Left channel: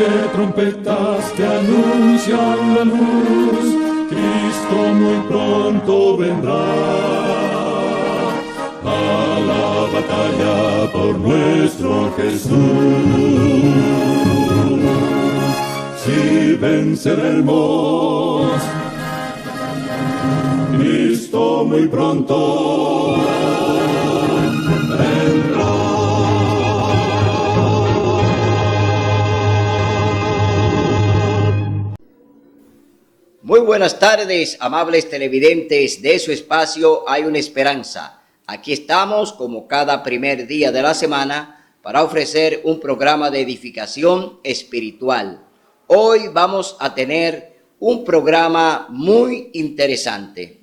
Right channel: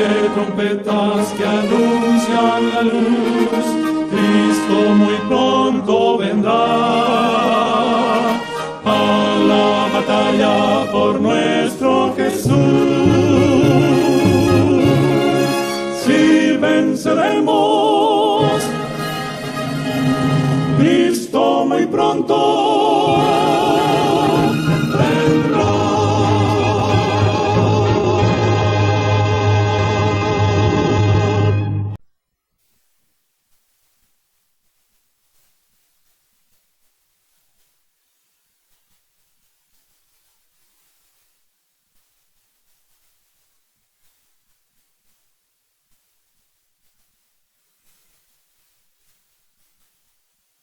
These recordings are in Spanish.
de trompetas que anuncian la luz, Cristo muy pronto vendrá a la batalla por nuestro Jesús. Si venceremos, Cristo muy pronto vendrá. Muy buenas tardes, amables televidentes de su espacio Hay una Esperanza. Aquí estamos, como cada primer día de la semana, para ofrecer un programa de edificación espiritual. Hoy vamos a tener un programa muy interesante.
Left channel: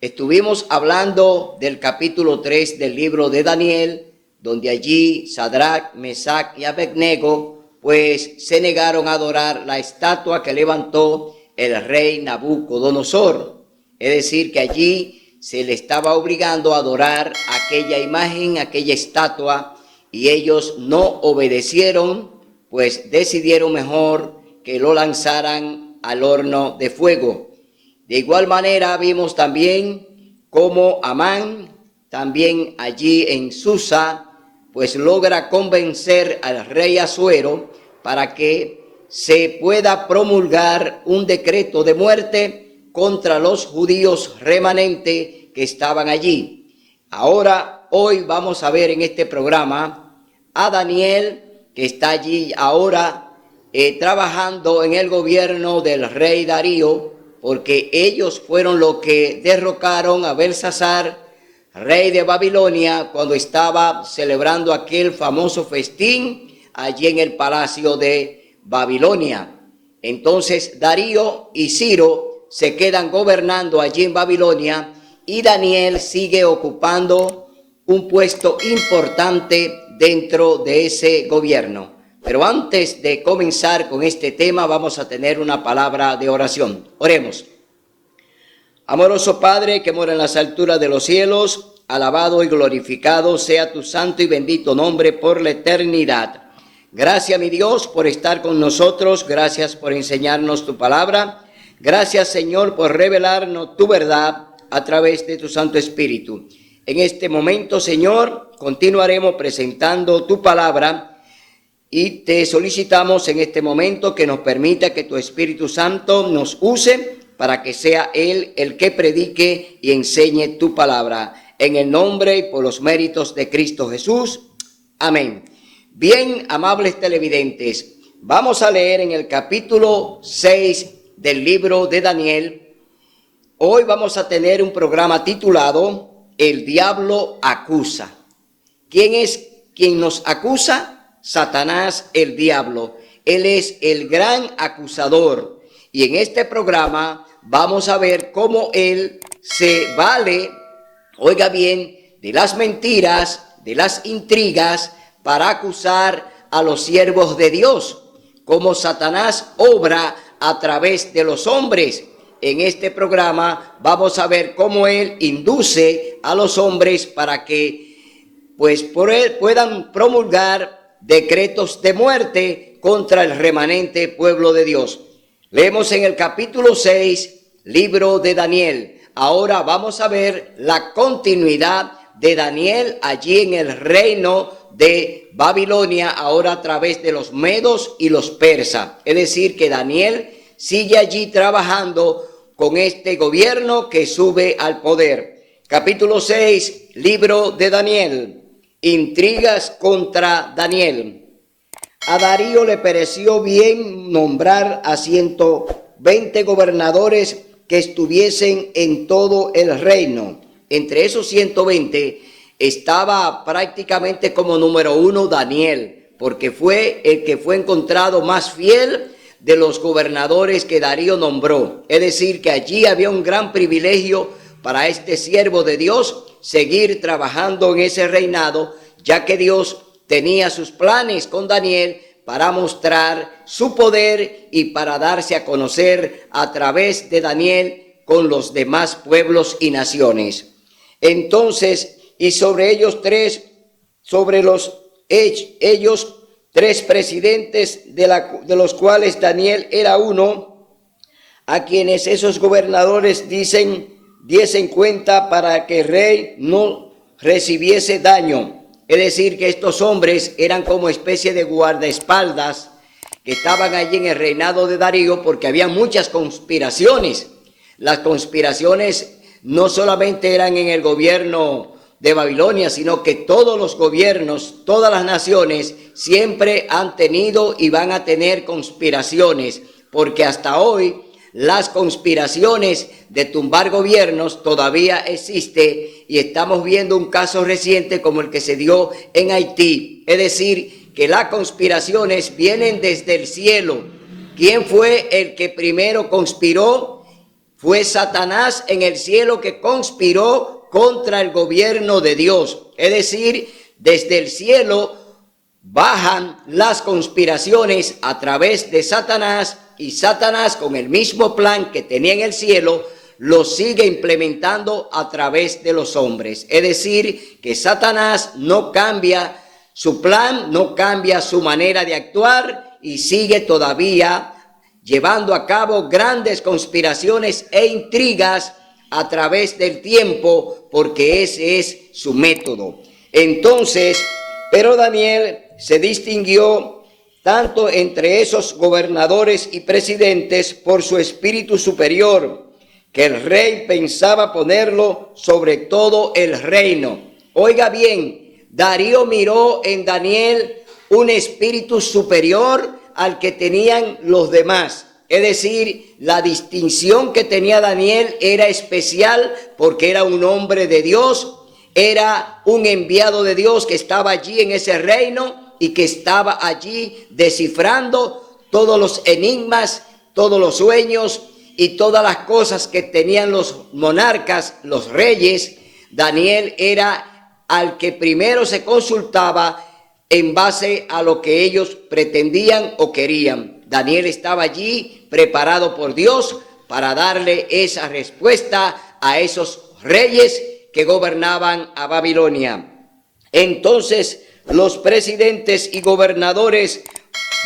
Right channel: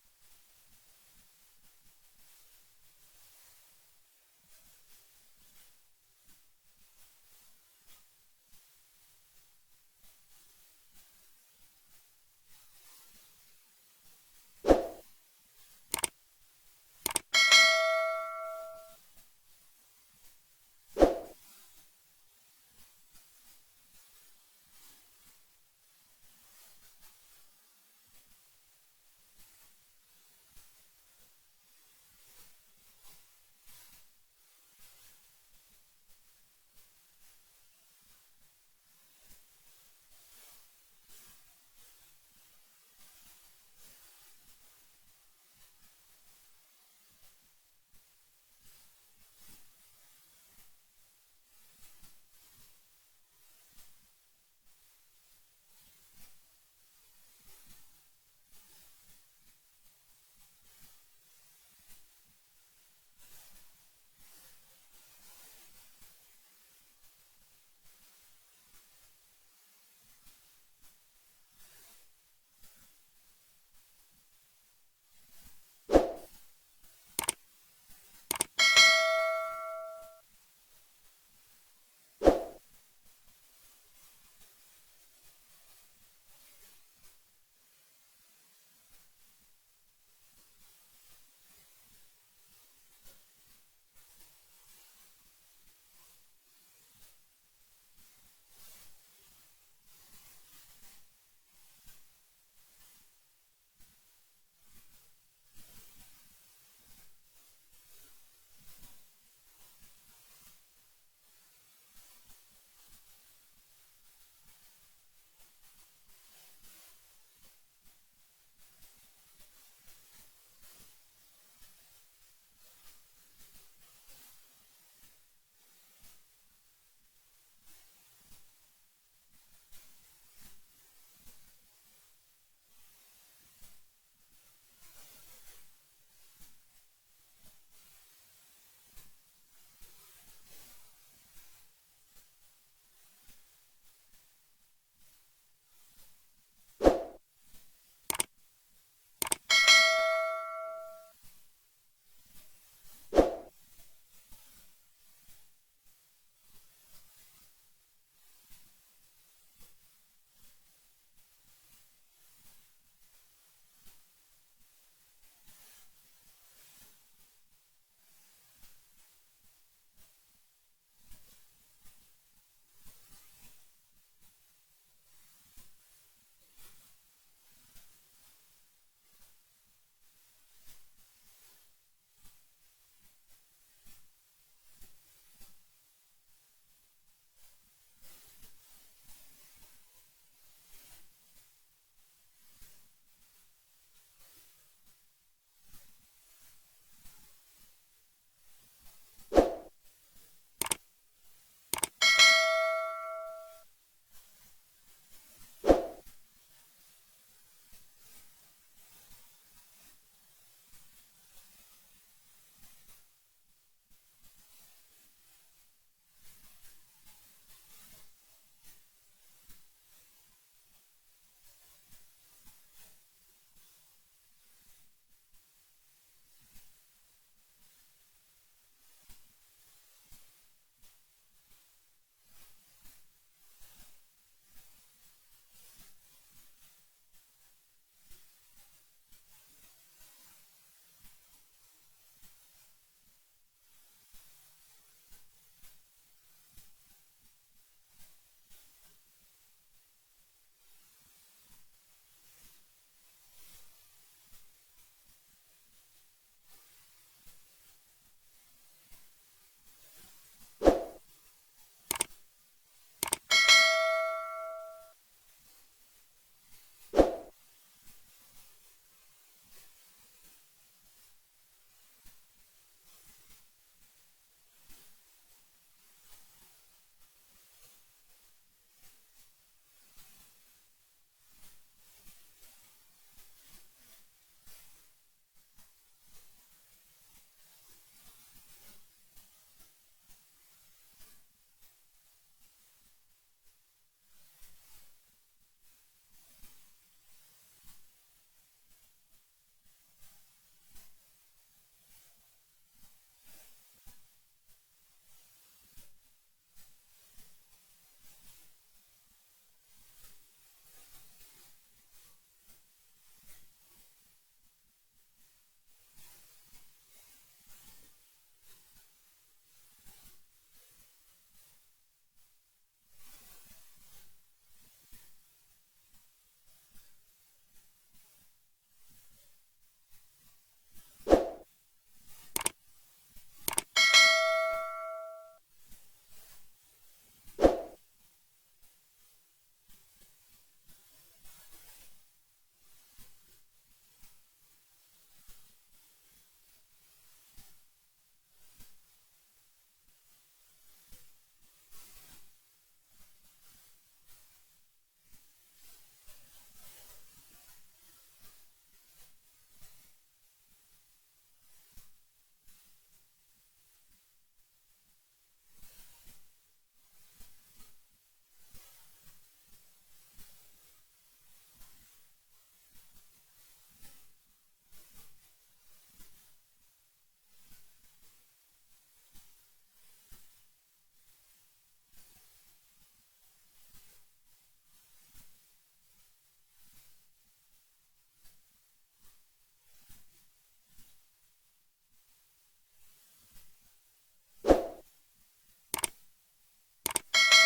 Estuvimos hablando del capítulo 3 del libro de Daniel, donde allí Sadrach, Mesach y Abednego, pues se negaron a adorar la estatua que levantó el rey Nabucodonosor. Es decir, que allí se le estaba obligando a adorar aquella imagen, aquella estatua, y ellos no obedecieron, pues decidieron mejor que lo lanzaran al horno de fuego. De igual manera vimos también cómo Amán, también allí en Susa, pues logra convencer al rey Asuero para que se pueda promulgar un decreto de muerte contra los judíos remanentes que estaban allí. Ahora, hoy vamos a ver en este programa a Daniel, que está allí ahora trabajando en el gobierno del rey Darío, porque ellos fueron los que derrocaron a Belsasar, rey de Babilonia, cuando estaba celebrando aquel famoso festín allí en el palacio de Babilonia. Entonces Darío y Ciro se quedan gobernando allí en Babilonia y Daniel sigue ocupando un puesto importante dentro de ese gobierno. Pero antes de comenzar con este tema, vamos a tener una palabra de oración. Oremos. Amoroso Padre que mora en las alturas de los cielos, alabado y glorificado sea tu santo y bendito nombre por la eternidad. Gracias, mi Dios, por estar con nosotros. Gracias por enseñarnos tu palabra. Gracias, Señor, por revelarnos tu verdad a través de tu Santo Espíritu. En este momento, Señor, continuaremos presentando tu palabra y te solicitamos en este momento que nos permita que tu Espíritu Santo nos use para que sea Él el que predique y enseñe tu palabra. En el nombre y por los méritos de Cristo Jesús. Amén. Bien, amables televidentes, vamos a leer en el capítulo 6 del libro de Daniel. Hoy vamos a tener un programa titulado El diablo acusa. ¿Quién es quien nos acusa? Satanás, el diablo. Él es el gran acusador. Y en este programa vamos a ver cómo él se vale, oiga bien, de las mentiras, de las intrigas, para acusar a los siervos de Dios, como Satanás obra a través de los hombres. En este programa vamos a ver cómo él induce a los hombres para que pues por él puedan promulgar decretos de muerte contra el remanente pueblo de Dios. Leemos en el capítulo 6, libro de Daniel. Ahora vamos a ver la continuidad de Daniel allí en el reino de Babilonia, ahora a través de los medos y los persas. Es decir, que Daniel sigue allí trabajando con este gobierno que sube al poder. Capítulo 6, libro de Daniel. Intrigas contra Daniel. A Darío le pareció bien nombrar a 120 gobernadores que estuviesen en todo el reino. Entre esos 120 estaba prácticamente como número 1 Daniel, porque fue el que fue encontrado más fiel de los gobernadores que Darío nombró. Es decir, que allí había un gran privilegio para este siervo de Dios seguir trabajando en ese reinado, ya que Dios tenía sus planes con Daniel para mostrar su poder y para darse a conocer a través de Daniel con los demás pueblos y naciones. Entonces, y sobre ellos tres, sobre ellos 3 presidentes de los cuales Daniel era uno, a quienes esos gobernadores diesen cuenta para que el rey no recibiese daño. Es decir, que estos hombres eran como especie de guardaespaldas que estaban allí en el reinado de Darío, porque había muchas conspiraciones. Las conspiraciones no solamente eran en el gobierno de Babilonia, sino que todos los gobiernos, todas las naciones siempre han tenido y van a tener conspiraciones, porque hasta hoy las conspiraciones de tumbar gobiernos todavía existe, y estamos viendo un caso reciente como el que se dio en Haití. Es decir, que las conspiraciones vienen desde el cielo. ¿Quién fue el que primero conspiró? Fue Satanás en el cielo, que conspiró contra el gobierno de Dios. Es decir, desde el cielo bajan las conspiraciones a través de Satanás, y Satanás, con el mismo plan que tenía en el cielo, lo sigue implementando a través de los hombres. Es decir, que Satanás no cambia su plan, no cambia su manera de actuar, y sigue todavía llevando a cabo grandes conspiraciones e intrigas a través del tiempo, porque ese es su método. Entonces, pero Daniel se distinguió tanto entre esos gobernadores y presidentes por su espíritu superior, que el rey pensaba ponerlo sobre todo el reino. Oiga bien, Darío miró en Daniel un espíritu superior al que tenían los demás. Es decir, la distinción que tenía Daniel era especial, porque era un hombre de Dios, era un enviado de Dios que estaba allí en ese reino y que estaba allí descifrando todos los enigmas, todos los sueños y todas las cosas que tenían los monarcas, los reyes. Daniel era al que primero se consultaba en base a lo que ellos pretendían o querían. Daniel estaba allí preparado por Dios para darle esa respuesta a esos reyes que gobernaban a Babilonia. Entonces los presidentes y gobernadores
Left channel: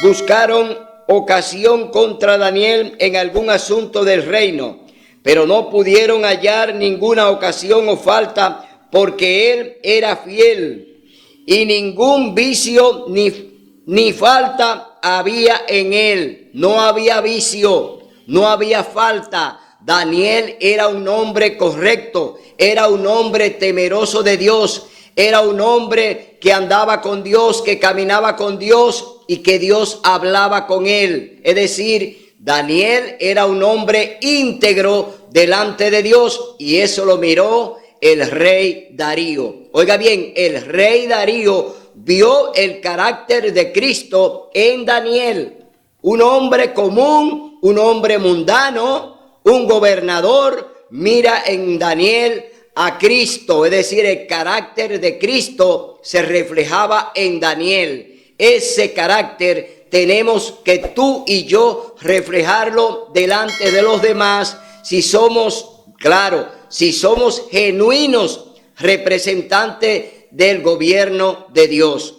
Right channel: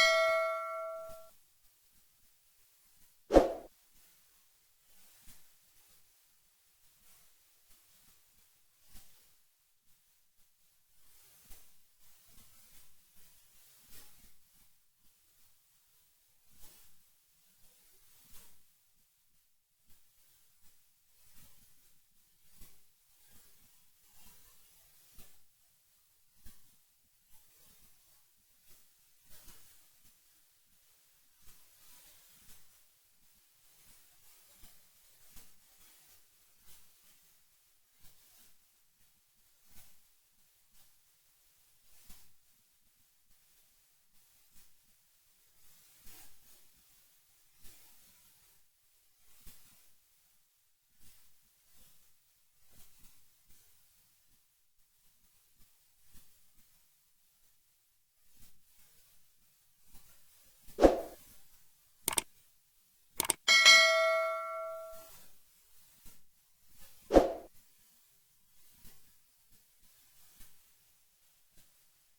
buscaron ocasión contra Daniel en algún asunto del reino, pero no pudieron hallar ninguna ocasión o falta, porque él era fiel, y ningún vicio ni falta había en él. No había vicio, no había falta. Daniel era un hombre correcto, era un hombre temeroso de Dios, era un hombre que andaba con Dios, que caminaba con Dios y que Dios hablaba con él. Es decir, Daniel era un hombre íntegro delante de Dios, y eso lo miró el rey Darío. Oiga bien, el rey Darío vio el carácter de Cristo en Daniel. Un hombre común, un hombre mundano, un gobernador, mira en Daniel a Cristo. Es decir, el carácter de Cristo se reflejaba en Daniel. Ese carácter tenemos que tú y yo reflejarlo delante de los demás, si somos, claro, si somos genuinos representantes del gobierno de Dios.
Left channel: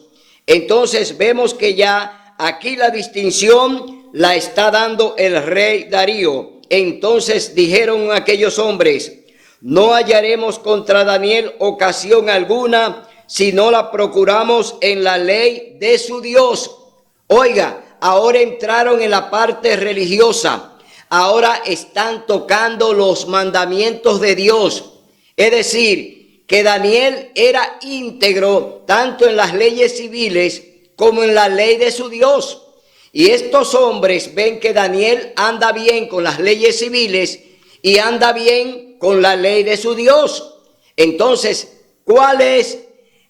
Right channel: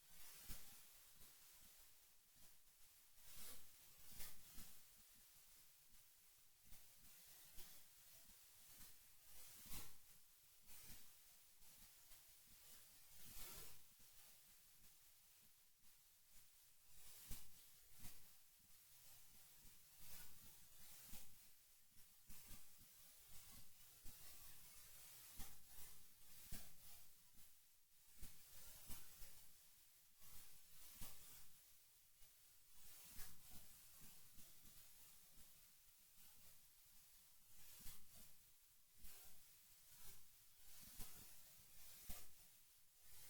Entonces vemos que ya aquí la distinción la está dando el rey Darío. Entonces dijeron aquellos hombres: no hallaremos contra Daniel ocasión alguna si no la procuramos en la ley de su Dios. Oiga, ahora entraron en la parte religiosa, ahora están tocando los mandamientos de Dios. Es decir, que Daniel era íntegro tanto en las leyes civiles como en la ley de su Dios. Y estos hombres ven que Daniel anda bien con las leyes civiles y anda bien con la ley de su Dios. Entonces, ¿cuál es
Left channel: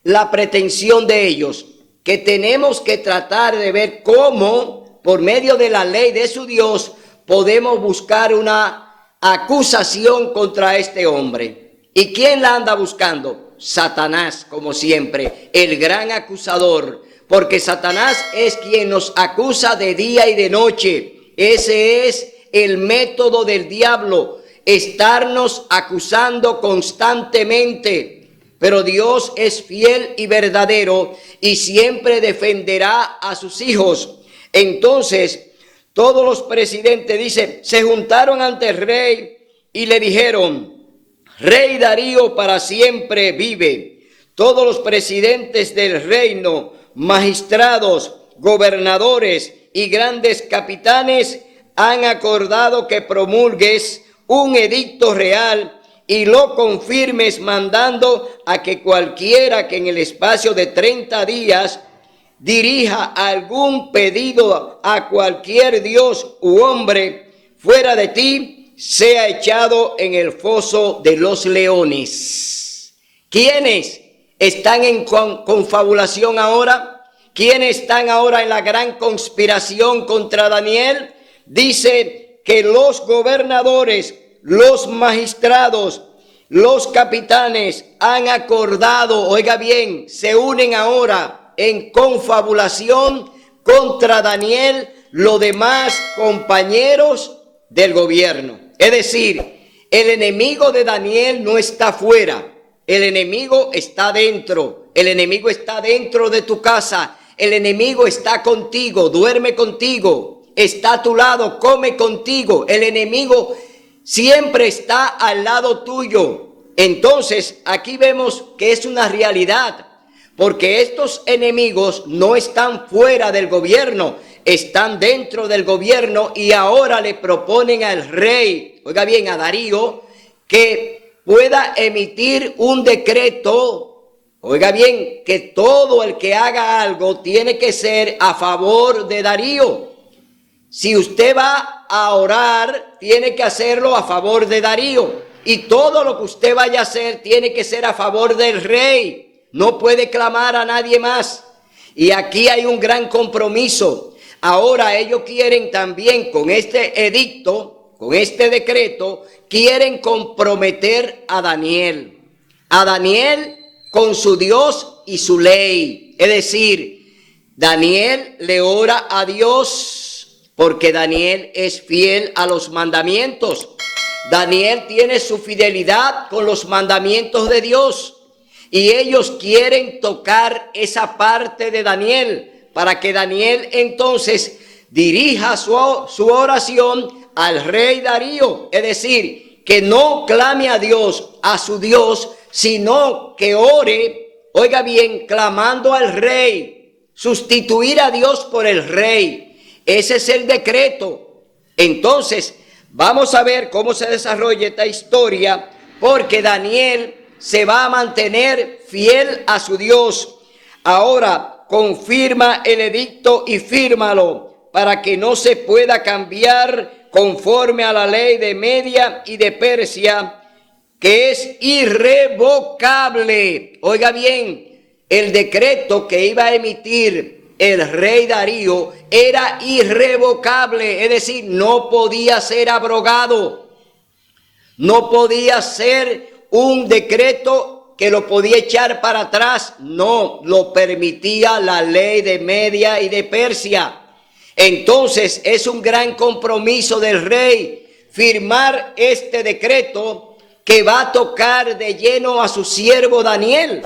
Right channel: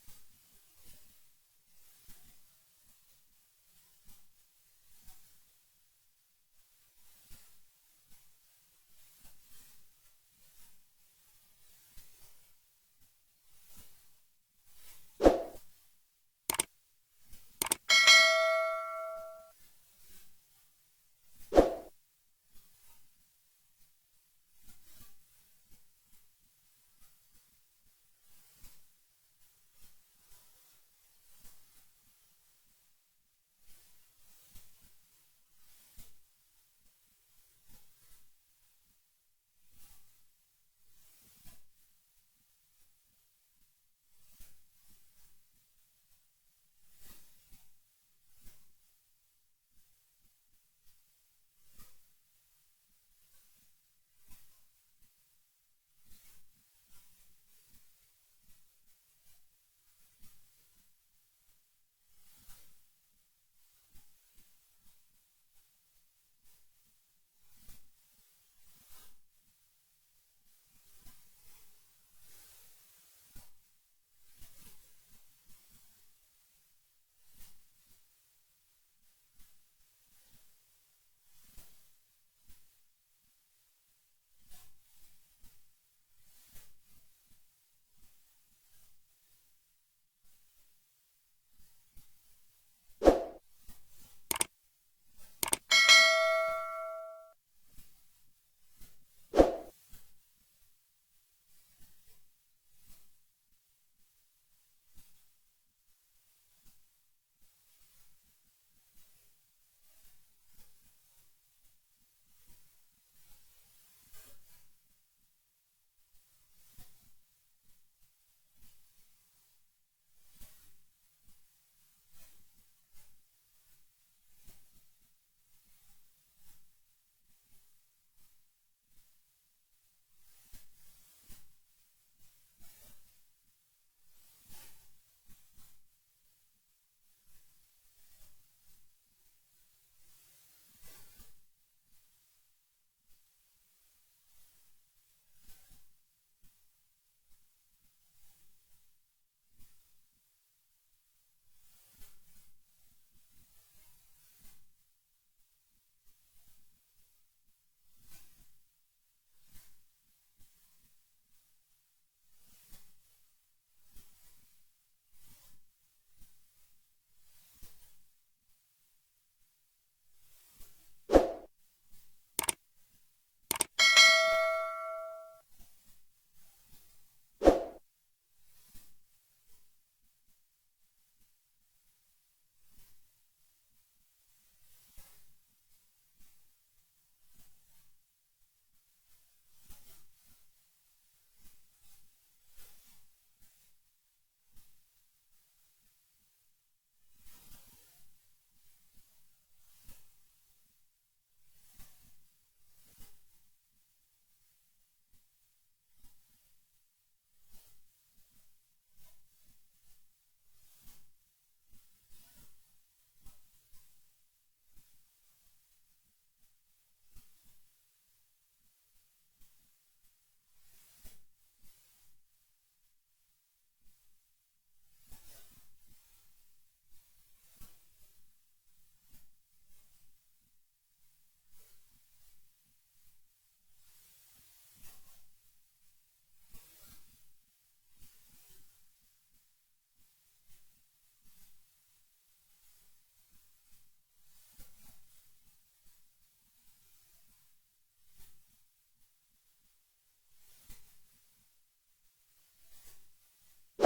la pretensión de ellos? Que tenemos que tratar de ver cómo, por medio de la ley de su Dios, podemos buscar una acusación contra este hombre. ¿Y quién la anda buscando? Satanás, como siempre, el gran acusador, porque Satanás es quien nos acusa de día y de noche. Ese es el método del diablo, estarnos acusando constantemente. pero Dios es fiel y verdadero y siempre defenderá a sus hijos. Entonces, todos los presidentes, dice, se juntaron ante el rey y le dijeron: Rey Darío para siempre vive. Todos los presidentes del reino, magistrados, gobernadores y grandes capitanes han acordado que promulgues un edicto real y lo confirmes, mandando a que cualquiera que en el espacio de 30 días dirija algún pedido a cualquier dios u hombre fuera de ti, sea echado en el foso de los leones. ¿Quiénes están en confabulación ahora? ¿Quiénes están ahora en la gran conspiración contra Daniel? Dice que los gobernadores, los magistrados, los capitanes han acordado, oiga bien, se unen ahora en confabulación contra Daniel, los demás compañeros del gobierno. Es decir, el enemigo de Daniel no está fuera, el enemigo está dentro, el enemigo está dentro de tu casa, el enemigo está contigo, duerme contigo, está a tu lado, come contigo, el enemigo siempre está al lado tuyo. Entonces, aquí vemos que es una realidad, porque estos enemigos no están fuera del gobierno, están dentro del gobierno y ahora le proponen al rey, oiga bien, a Darío, que pueda emitir un decreto. Oiga bien, que todo el que haga algo tiene que ser a favor de Darío. Si usted va a orar, tiene que hacerlo a favor de Darío. Y todo lo que usted vaya a hacer tiene que ser a favor del rey. No puede clamar a nadie más. Y aquí hay un gran compromiso. Ahora ellos quieren también con este edicto, con este decreto, quieren comprometer a Daniel. A Daniel con su Dios y su ley. Es decir, Daniel le ora a Dios porque Daniel es fiel a los mandamientos. Daniel tiene su fidelidad con los mandamientos de Dios. Y ellos quieren tocar esa parte de Daniel para que Daniel entonces dirija su oración al rey Darío. Es decir, que no clame a Dios, a su Dios, sino que ore, oiga bien, clamando al rey, sustituir a Dios por el rey. Ese es el decreto. Entonces, vamos a ver cómo se desarrolla esta historia, porque Daniel se va a mantener fiel a su Dios. Ahora, confirma el edicto y fírmalo para que no se pueda cambiar conforme a la ley de Media y de Persia, que es irrevocable. Oiga bien, el decreto que iba a emitir el rey Darío era irrevocable, es decir, no podía ser abrogado, no podía ser un decreto que lo podía echar para atrás, no, lo permitía la ley de Media y de Persia. Entonces es un gran compromiso del rey firmar este decreto que va a tocar de lleno a su siervo Daniel.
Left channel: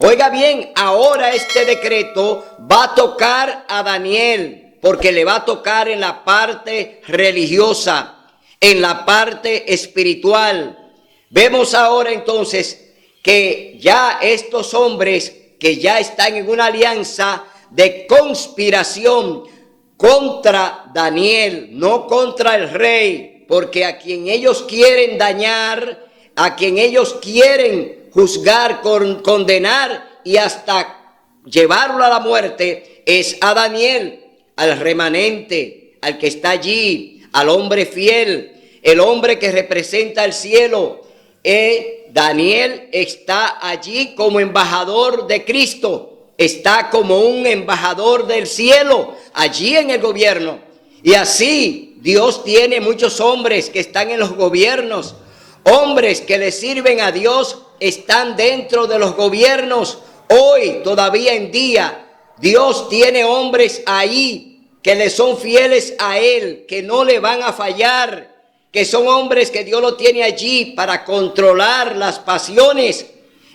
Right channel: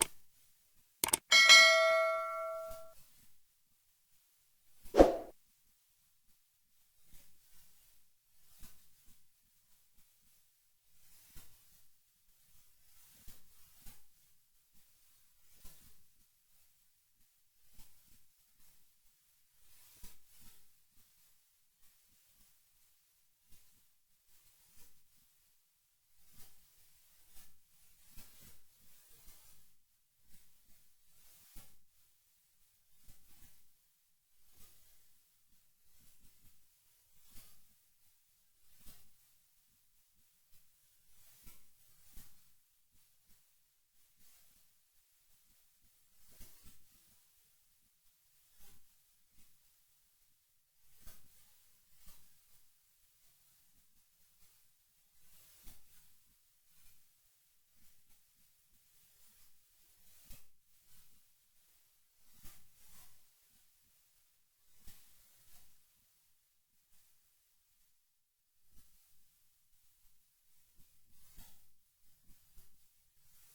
Oiga bien, ahora este decreto va a tocar a Daniel, porque le va a tocar en la parte religiosa, en la parte espiritual. Vemos ahora entonces que ya estos hombres que ya están en una alianza de conspiración contra Daniel, no contra el rey, porque a quien ellos quieren dañar, a quien ellos quieren juzgar, condenar y hasta llevarlo a la muerte, es a Daniel, al remanente, al que está allí, al hombre fiel, el hombre que representa el cielo. Daniel está allí como embajador de Cristo, está como un embajador del cielo, allí en el gobierno. Y así Dios tiene muchos hombres que están en los gobiernos, hombres que le sirven a Dios, están dentro de los gobiernos. Hoy, todavía en día, Dios tiene hombres ahí que le son fieles a Él, que no le van a fallar, que son hombres que Dios lo tiene allí para controlar las pasiones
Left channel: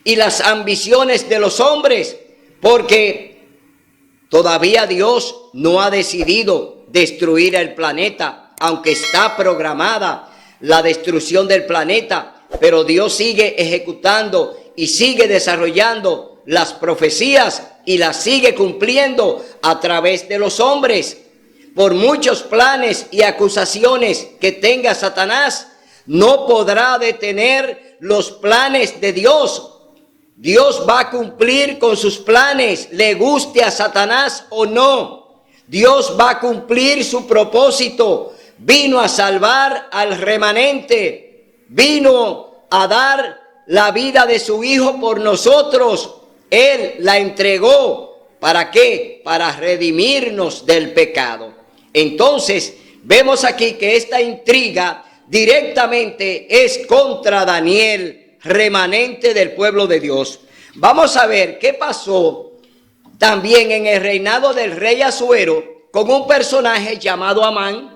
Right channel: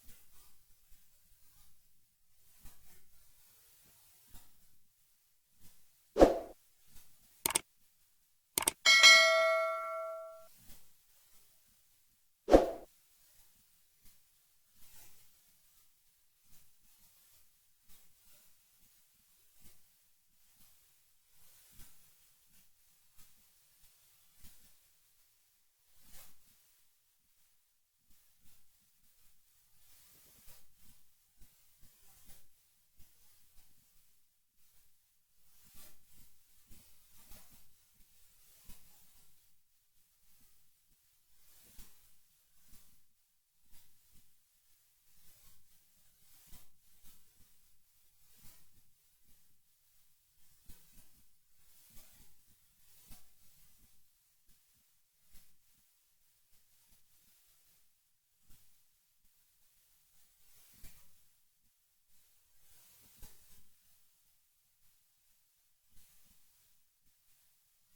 y las ambiciones de los hombres, porque todavía Dios no ha decidido destruir el planeta, aunque está programada la destrucción del planeta, pero Dios sigue ejecutando y sigue desarrollando las profecías y las sigue cumpliendo a través de los hombres. Por muchos planes y acusaciones que tenga Satanás, no podrá detener los planes de Dios. Dios va a cumplir con sus planes, le guste a Satanás o no. Dios va a cumplir su propósito. Vino a salvar al remanente, vino a dar la vida de su Hijo por nosotros. Él la entregó. ¿Para qué? Para redimirnos del pecado. Entonces, vemos aquí que esta intriga directamente es contra Daniel, remanente del pueblo de Dios. Vamos a ver qué pasó también en el reinado del rey Asuero con un personaje llamado Amán,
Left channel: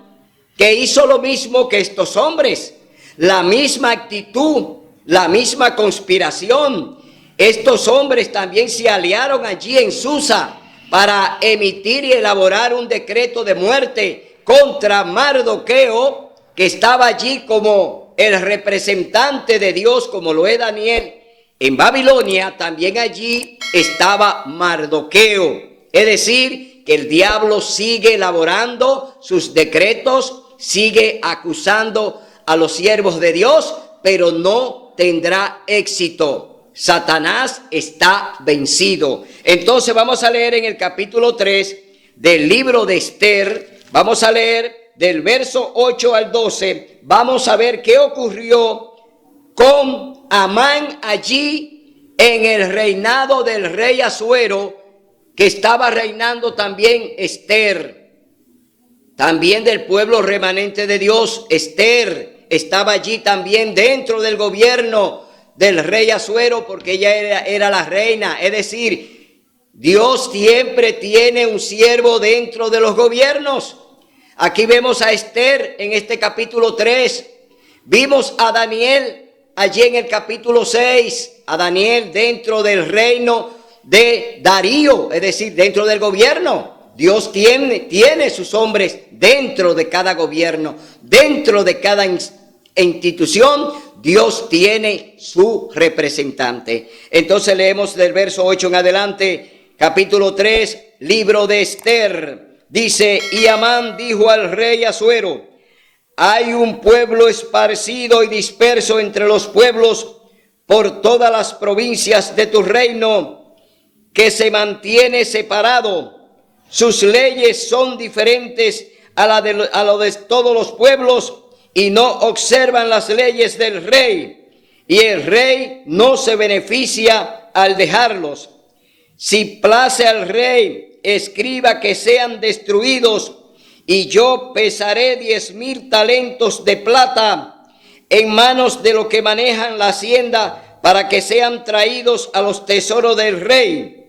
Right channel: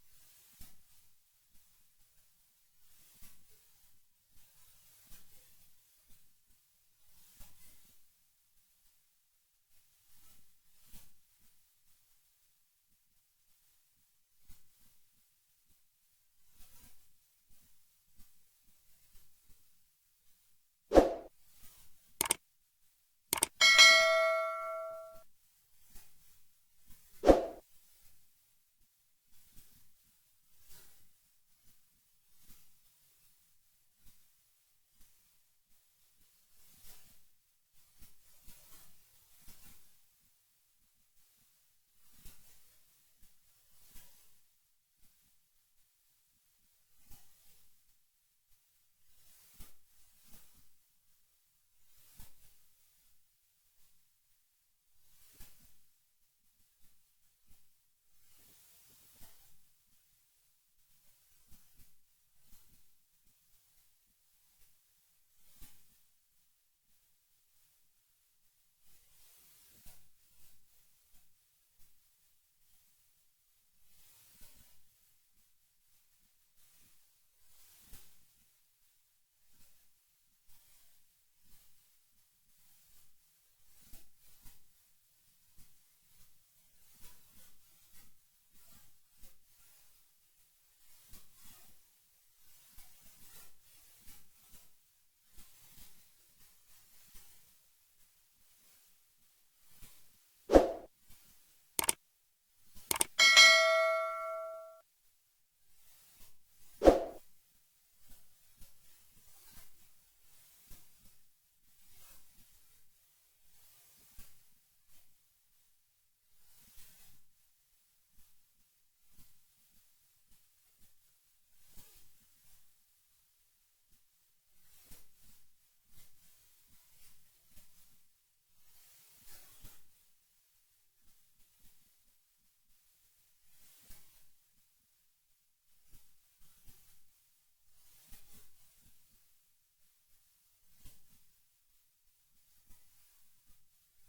que hizo lo mismo que estos hombres, la misma actitud, la misma conspiración. Estos hombres también se aliaron allí en Susa para emitir y elaborar un decreto de muerte contra Mardoqueo, que estaba allí como el representante de Dios, como lo es Daniel. En Babilonia también allí estaba Mardoqueo. Es decir, que el diablo sigue elaborando sus decretos, sigue acusando a los siervos de Dios, pero no tendrá éxito. Satanás está vencido. Entonces vamos a leer en el capítulo 3 del libro de Esther. Vamos a leer del verso 8 al 12. Vamos a ver qué ocurrió con Amán allí en el reinado del rey Asuero, que estaba reinando también Esther, también del pueblo remanente de Dios. Esther estaba allí también dentro del gobierno del rey Asuero, porque ella era la reina. Es decir, Dios siempre tiene un siervo dentro de los gobiernos. Aquí vemos a Esther en este capítulo 3. Vimos a Daniel allí en el capítulo 6, a Daniel dentro del reino de Darío, es decir, dentro del gobierno. Dios tiene sus hombres dentro de cada gobierno, dentro de cada institución. Dios tiene su representante. Entonces leemos del verso 8 en adelante, capítulo 3, libro de Esther. Dice: y Amán dijo al rey Asuero: hay un pueblo esparcido y disperso entre los pueblos por todas las provincias de tu reino, que se mantiene separado. Sus leyes son diferentes a lo de todos los pueblos, y no observan las leyes del rey, y el rey no se beneficia al dejarlos. Si place al rey, escriba que sean destruidos, y yo pesaré 10,000 talentos de plata en manos de los que manejan la hacienda, para que sean traídos a los tesoros del rey.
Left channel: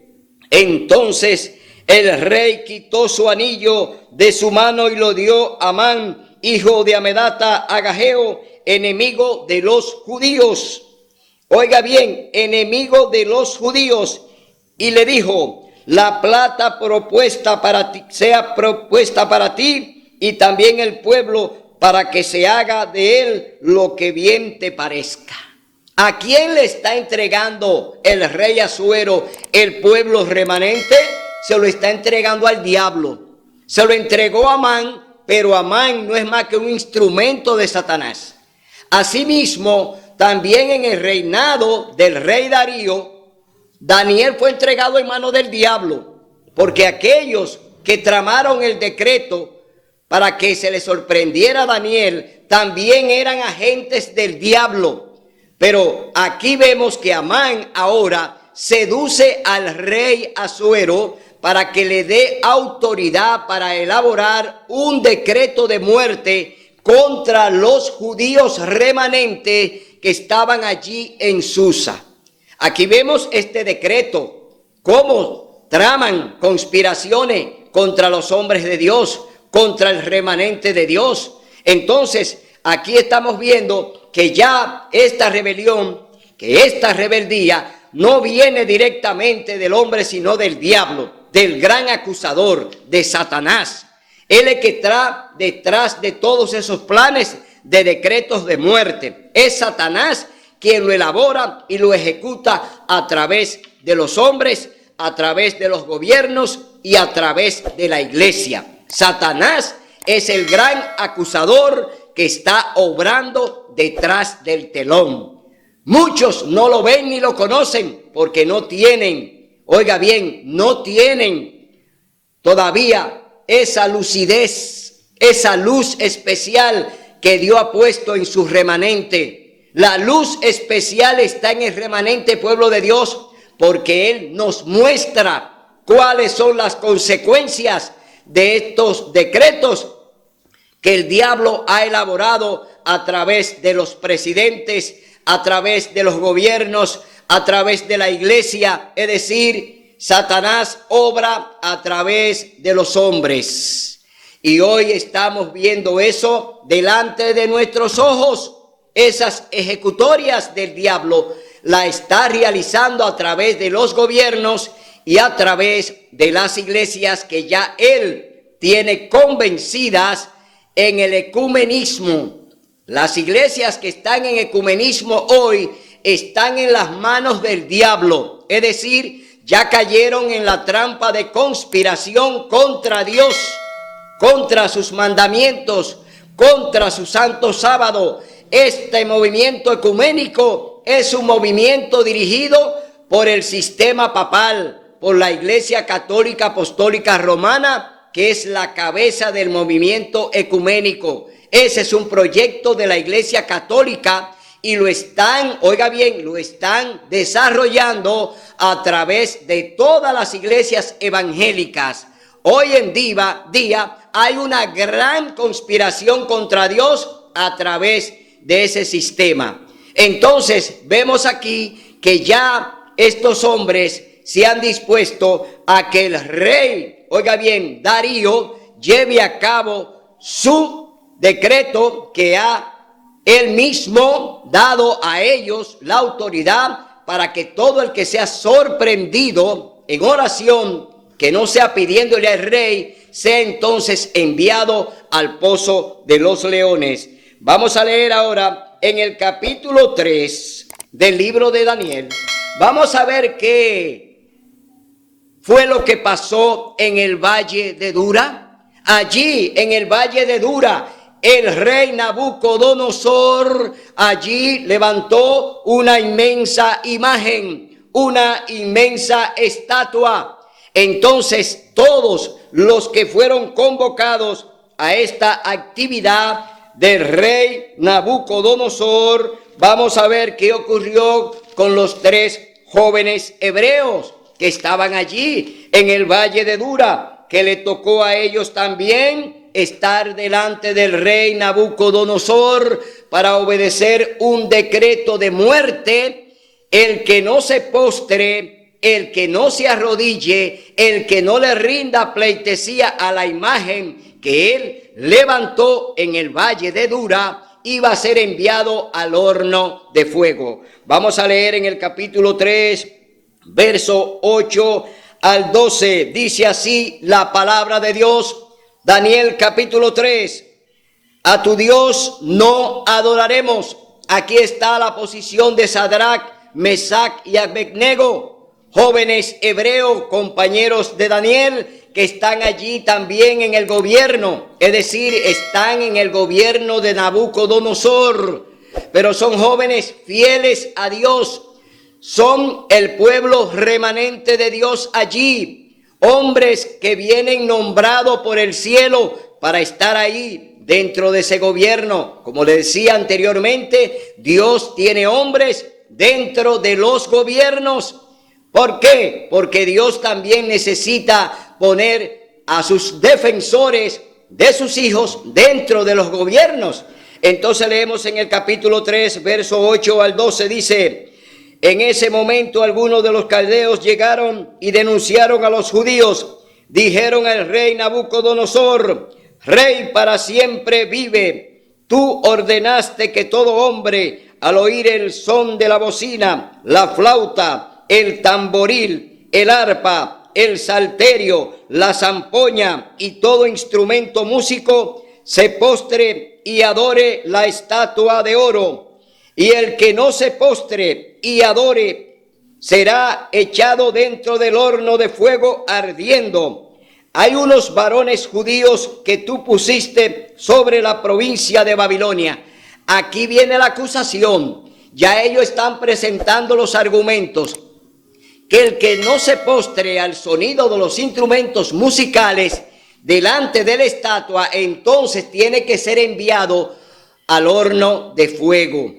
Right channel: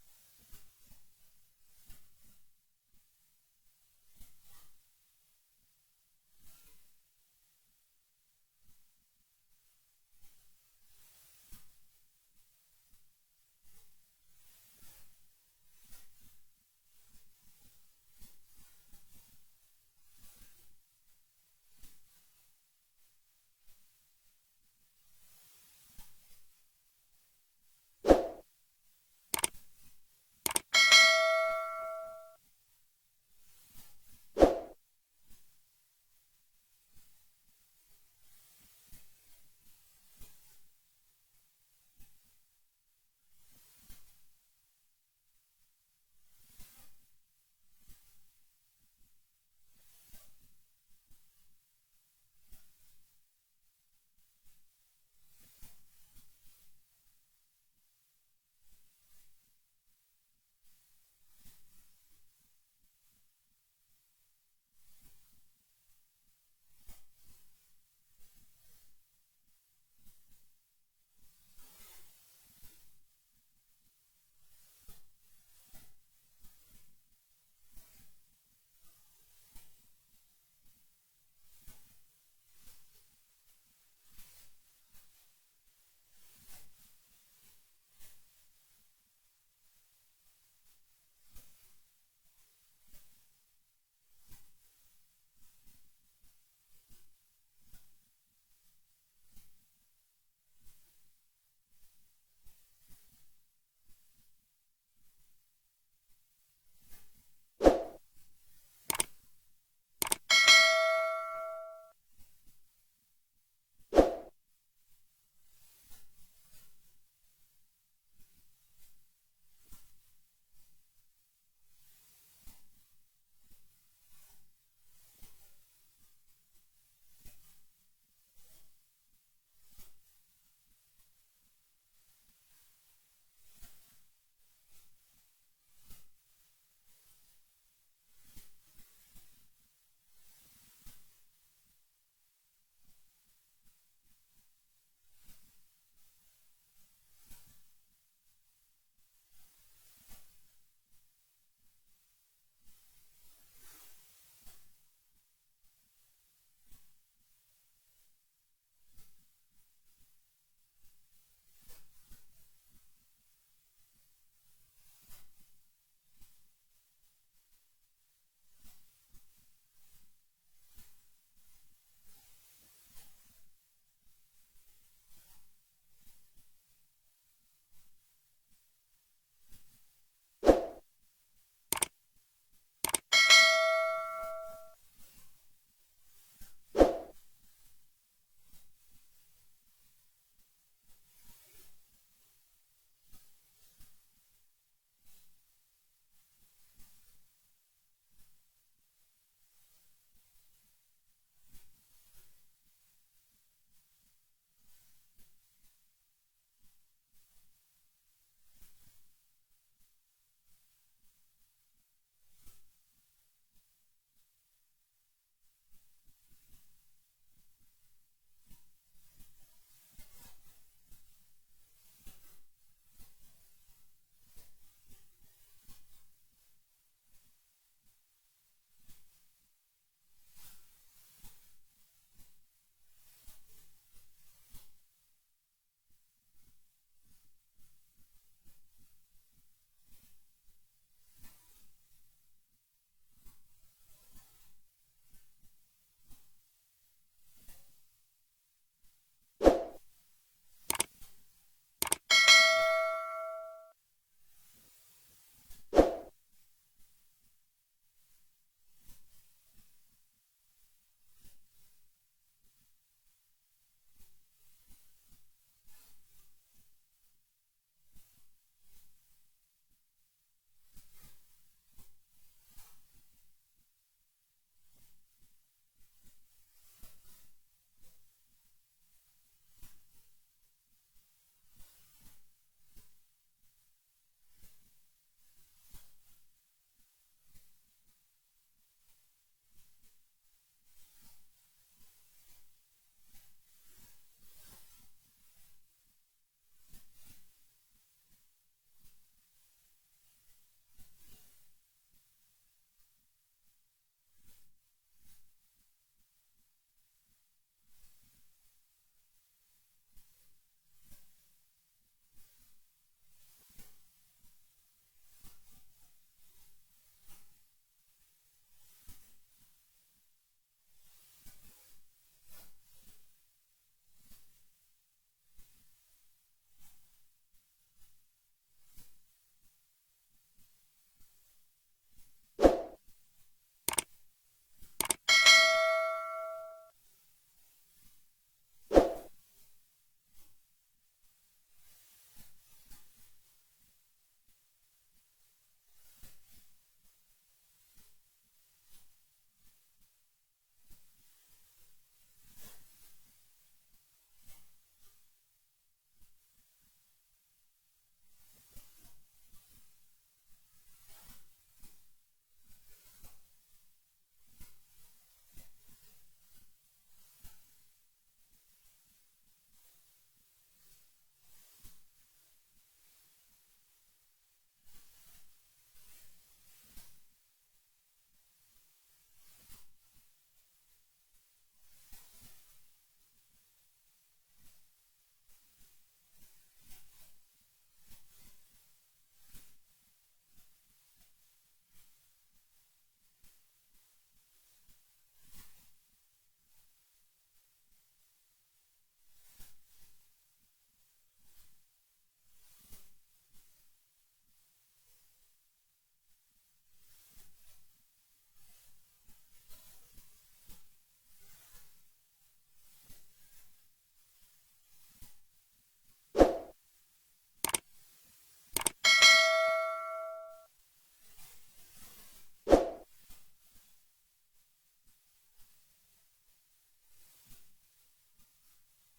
Entonces el rey quitó su anillo de su mano y lo dio a Amán, hijo de Amedata, Agageo, enemigo de los judíos. Oiga bien, enemigo de los judíos. Y le dijo: la plata propuesta para ti, sea propuesta para ti y también el pueblo, para que se haga de él lo que bien te parezca. ¿A quién le está entregando el rey Asuero el pueblo remanente? Se lo está entregando al diablo. Se lo entregó a Amán, pero Amán no es más que un instrumento de Satanás. Asimismo, también en el reinado del rey Darío, Daniel fue entregado en manos del diablo, porque aquellos que tramaron el decreto para que se le sorprendiera a Daniel también eran agentes del diablo. Pero aquí vemos que Amán ahora seduce al rey Asuero para que le dé autoridad para elaborar un decreto de muerte contra los judíos remanentes que estaban allí en Susa. Aquí vemos este decreto, cómo traman conspiraciones contra los hombres de Dios, contra el remanente de Dios. Entonces, aquí estamos viendo que ya esta rebelión, que esta rebeldía no viene directamente del hombre, sino del diablo, del gran acusador, de Satanás. Él es el que está detrás de todos esos planes de decretos de muerte. Es Satanás quien lo elabora y lo ejecuta a través de los hombres, a través de los gobiernos y a través de la iglesia. Satanás es el gran acusador que está obrando detrás del telón. Muchos no lo ven ni lo conocen porque no tienen, oiga bien, no tienen todavía esa lucidez, esa luz especial que Dios ha puesto en su remanente. La luz especial está en el remanente pueblo de Dios porque Él nos muestra cuáles son las consecuencias de estos decretos que el diablo ha elaborado a través de los presidentes, a través de los gobiernos, a través de la iglesia. Es decir, Satanás obra a través de los hombres. Y hoy estamos viendo eso delante de nuestros ojos. Esas ejecutorias del diablo la está realizando a través de los gobiernos y a través de las iglesias que ya él tiene convencidas en el ecumenismo. Las iglesias que están en ecumenismo hoy están en las manos del diablo. Es decir, ya cayeron en la trampa de conspiración contra Dios, contra sus mandamientos, contra su santo sábado. Este movimiento ecuménico es un movimiento dirigido por el sistema papal, por la Iglesia Católica Apostólica Romana, que es la cabeza del movimiento ecuménico. Ese es un proyecto de la Iglesia Católica y lo están, oiga bien, lo están desarrollando a través de todas las iglesias evangélicas. Hoy en día hay una gran conspiración contra Dios a través de ese sistema. Entonces vemos aquí que ya estos hombres se han dispuesto a que el rey, oiga bien, Darío, lleve a cabo su decreto que ha él mismo dado a ellos la autoridad para que todo el que sea sorprendido en oración, que no sea pidiéndole al rey, sea entonces enviado al pozo de los leones. Vamos a leer ahora en el capítulo 3 del libro de Daniel. Vamos a ver qué fue lo que pasó en el valle de Dura. Allí en el valle de Dura, el rey Nabucodonosor allí levantó una inmensa imagen, una inmensa estatua. Entonces todos los que fueron convocados a esta actividad del rey Nabucodonosor, vamos a ver qué ocurrió con los 3 jóvenes hebreos que estaban allí en el valle de Dura, que le tocó a ellos también estar delante del rey Nabucodonosor para obedecer un decreto de muerte. El que no se postre, el que no se arrodille, el que no le rinda pleitesía a la imagen que él levantó en el valle de Dura, iba a ser enviado al horno de fuego. Vamos a leer en el capítulo 3, verso 8 al 12. Dice así la palabra de Dios. Daniel capítulo 3. A tu Dios no adoraremos. Aquí está la posición de Sadrach, Mesach y Abednego, jóvenes hebreos, compañeros de Daniel, que están allí también en el gobierno, es decir, están en el gobierno de Nabucodonosor, pero son jóvenes fieles a Dios, son el pueblo remanente de Dios allí, hombres que vienen nombrados por el cielo para estar ahí dentro de ese gobierno. Como le decía anteriormente, Dios tiene hombres dentro de los gobiernos. ¿Por qué? Porque Dios también necesita poner a sus defensores de sus hijos dentro de los gobiernos. Entonces leemos en el capítulo 3, verso 8 al 12, dice: en ese momento algunos de los caldeos llegaron y denunciaron a los judíos. Dijeron al rey Nabucodonosor: Rey para siempre vive. Tú ordenaste que todo hombre, al oír el son de la bocina, la flauta, el tamboril, el arpa, el salterio, la zampoña y todo instrumento músico se postre y adore la estatua de oro. Y el que no se postre y adore será echado dentro del horno de fuego ardiendo. Hay unos varones judíos que tú pusiste sobre la provincia de Babilonia. Aquí viene la acusación. Ya ellos están presentando los argumentos. Que el que no se postre al sonido de los instrumentos musicales delante de la estatua, entonces tiene que ser enviado al horno de fuego.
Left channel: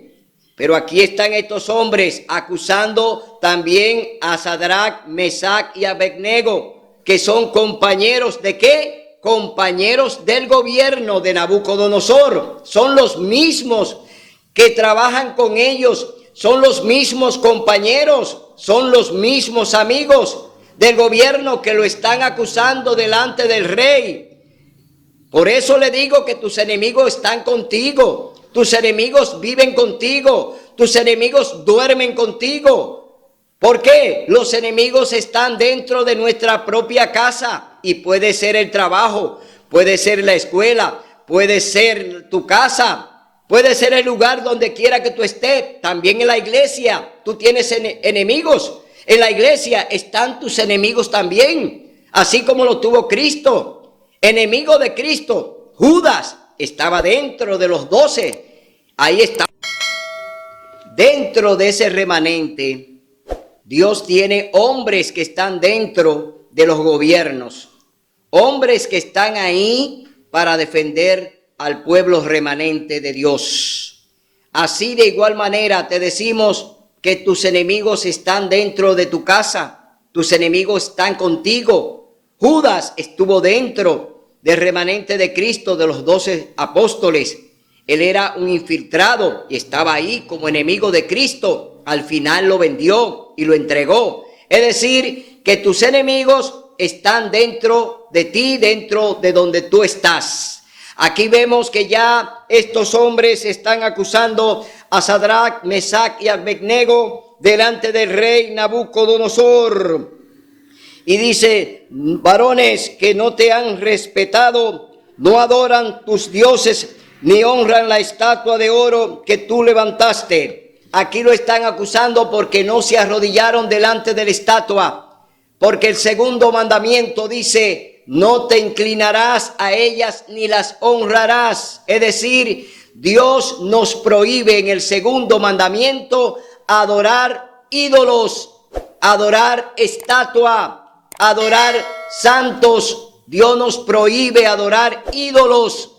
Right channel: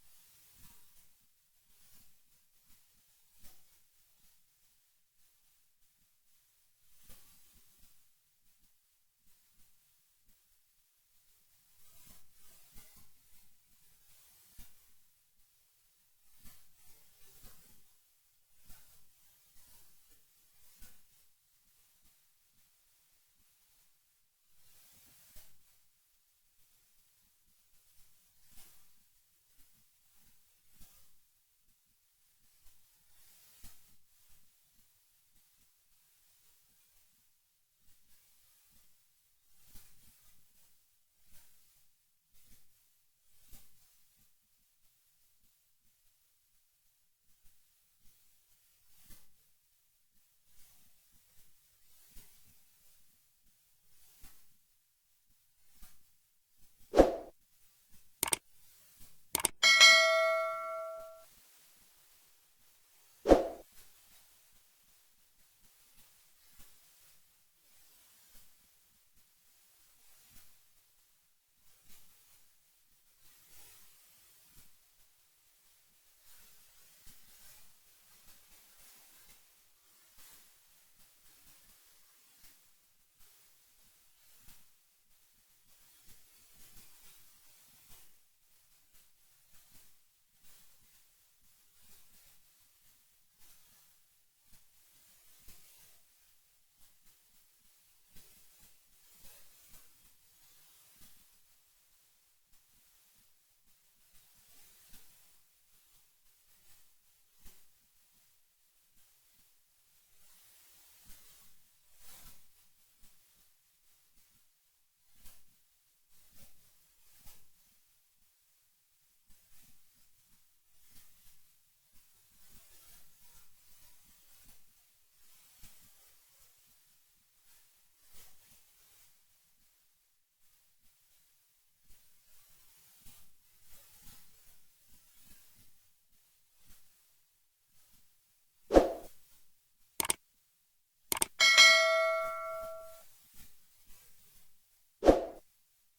Pero aquí están estos hombres acusando también a Sadrach, Mesach y Abednego, que son compañeros ¿de qué? Compañeros del gobierno de Nabucodonosor. Son los mismos que trabajan con ellos, son los mismos compañeros, son los mismos amigos del gobierno que lo están acusando delante del rey. Por eso le digo que tus enemigos están contigo, tus enemigos viven contigo, tus enemigos duermen contigo. ¿Por qué? Los enemigos están dentro de nuestra propia casa y puede ser el trabajo, puede ser la escuela, puede ser tu casa, puede ser el lugar donde quiera que tú estés. También en la iglesia tú tienes enemigos. En la iglesia están tus enemigos también, así como lo tuvo Cristo. Enemigo de Cristo, Judas, estaba dentro de los 12. Ahí está. Dentro de ese remanente, Dios tiene hombres que están dentro de los gobiernos. Hombres que están ahí para defender al pueblo remanente de Dios. Así de igual manera te decimos que tus enemigos están dentro de tu casa, tus enemigos están contigo. Judas estuvo dentro del remanente de Cristo, de los 12 apóstoles. Él era un infiltrado y estaba ahí como enemigo de Cristo. Al final lo vendió y lo entregó. Es decir, que tus enemigos están dentro de ti, dentro de donde tú estás. Aquí vemos que ya estos hombres están acusando a Sadrach, Mesach y Abednego delante del rey Nabucodonosor. Y dice, varones que no te han respetado, no adoran tus dioses, ni honran la estatua de oro que tú levantaste. Aquí lo están acusando porque no se arrodillaron delante de la estatua. Porque el segundo mandamiento dice, no te inclinarás a ellas ni las honrarás. Es decir, Dios nos prohíbe en el segundo mandamiento adorar ídolos, adorar estatua, adorar santos. Dios nos prohíbe adorar ídolos.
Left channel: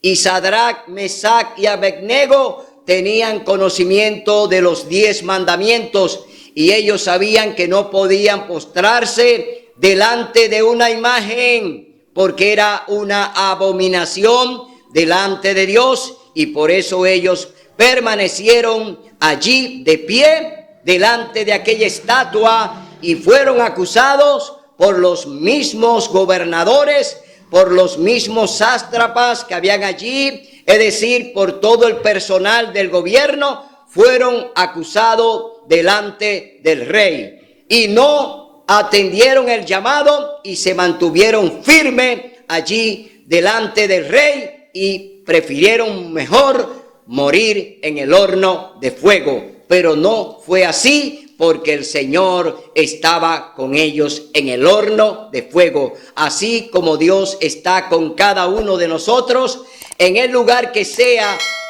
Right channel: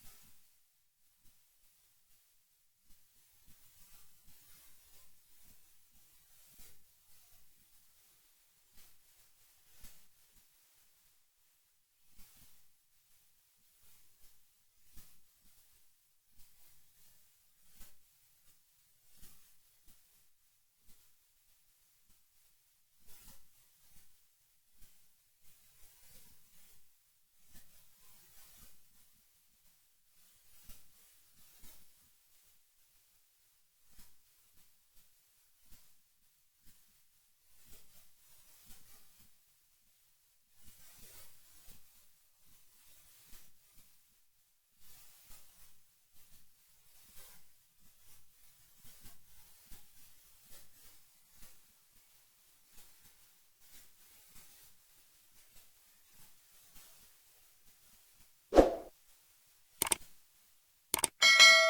Y Sadrach, Mesach y Abednego tenían conocimiento de los 10 mandamientos y ellos sabían que no podían postrarse delante de una imagen porque era una abominación delante de Dios, y por eso ellos permanecieron allí de pie delante de aquella estatua y fueron acusados por los mismos gobernadores, por los mismos sátrapas que habían allí, es decir, por todo el personal del gobierno. Fueron acusados delante del rey y no atendieron el llamado y se mantuvieron firmes allí delante del rey y prefirieron mejor morir en el horno de fuego. Pero no fue así, porque el Señor estaba con ellos en el horno de fuego. Así como Dios está con cada uno de nosotros, en el lugar que sea,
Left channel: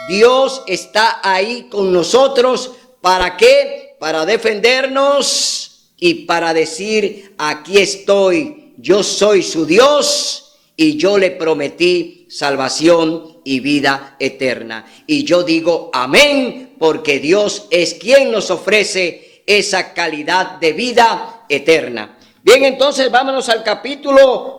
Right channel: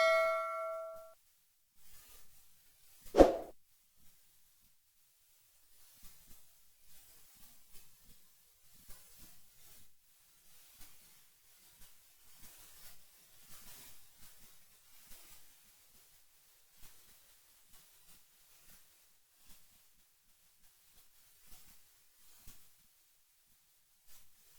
Dios está ahí con nosotros. ¿Para qué? Para defendernos y para decir, aquí estoy, yo soy su Dios y yo le prometí salvación y vida eterna. Y yo digo amén, porque Dios es quien nos ofrece esa calidad de vida eterna. Bien, entonces vámonos al capítulo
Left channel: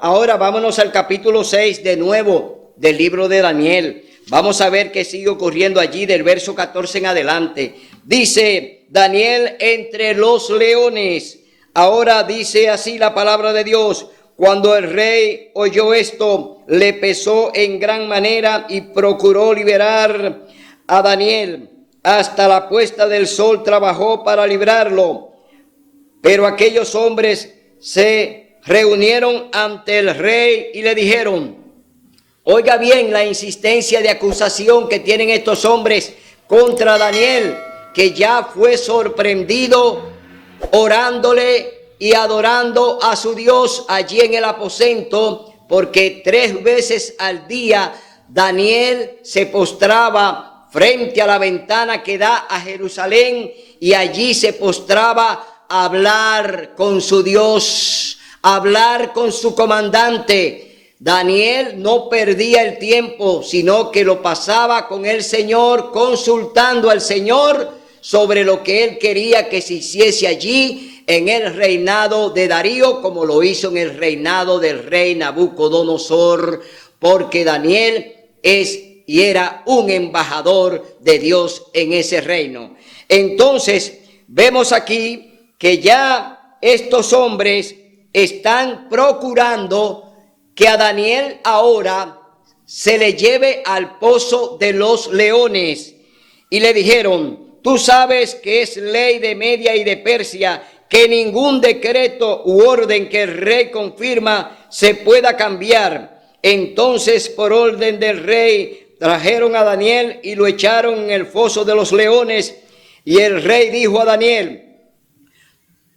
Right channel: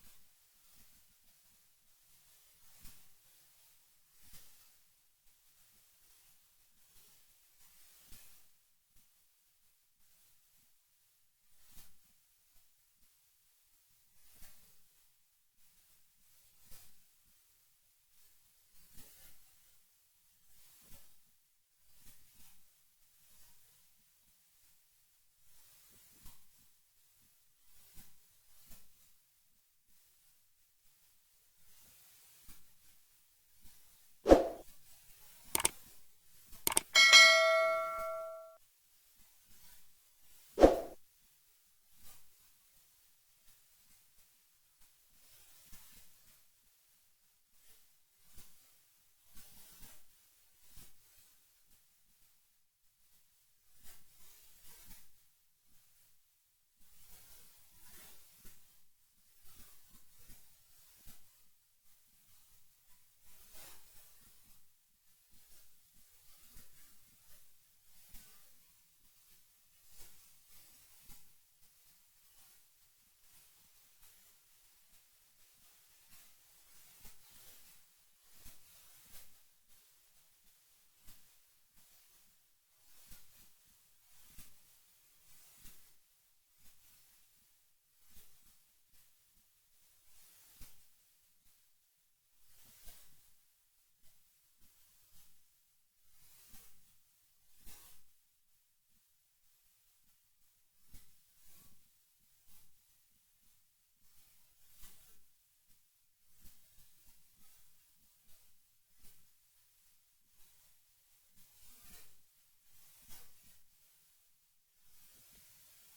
6 de nuevo del libro de Daniel. Vamos a ver qué sigue ocurriendo allí del verso 14 en adelante. Dice Daniel entre los leones. Ahora dice así la palabra de Dios. Cuando el rey oyó esto, le pesó en gran manera y procuró liberar a Daniel. Hasta la puesta del sol trabajó para librarlo. Pero aquellos hombres se reunieron ante el rey y le dijeron, oiga bien la insistencia de acusación que tienen estos hombres contra Daniel, que ya fue sorprendido orándole y adorando a su Dios allí en el aposento, porque 3 veces al día Daniel se postraba frente a la ventana que da a Jerusalén y allí se postraba a hablar con su Dios, a hablar con su comandante. Daniel no perdía el tiempo, sino que lo pasaba con el Señor, consultando al Señor sobre lo que él quería que se hiciese allí en el reinado de Darío, como lo hizo en el reinado del rey Nabucodonosor, porque Daniel es y era un embajador de Dios en ese reino. Entonces, vemos aquí que ya estos hombres están procurando que a Daniel ahora se le lleve al pozo de los leones. Y le dijeron, tú sabes que es ley de Media y de Persia que ningún decreto u orden que el rey confirma se pueda cambiar. Entonces, por orden del rey, trajeron a Daniel y lo echaron en el foso de los leones. Y el rey dijo a Daniel,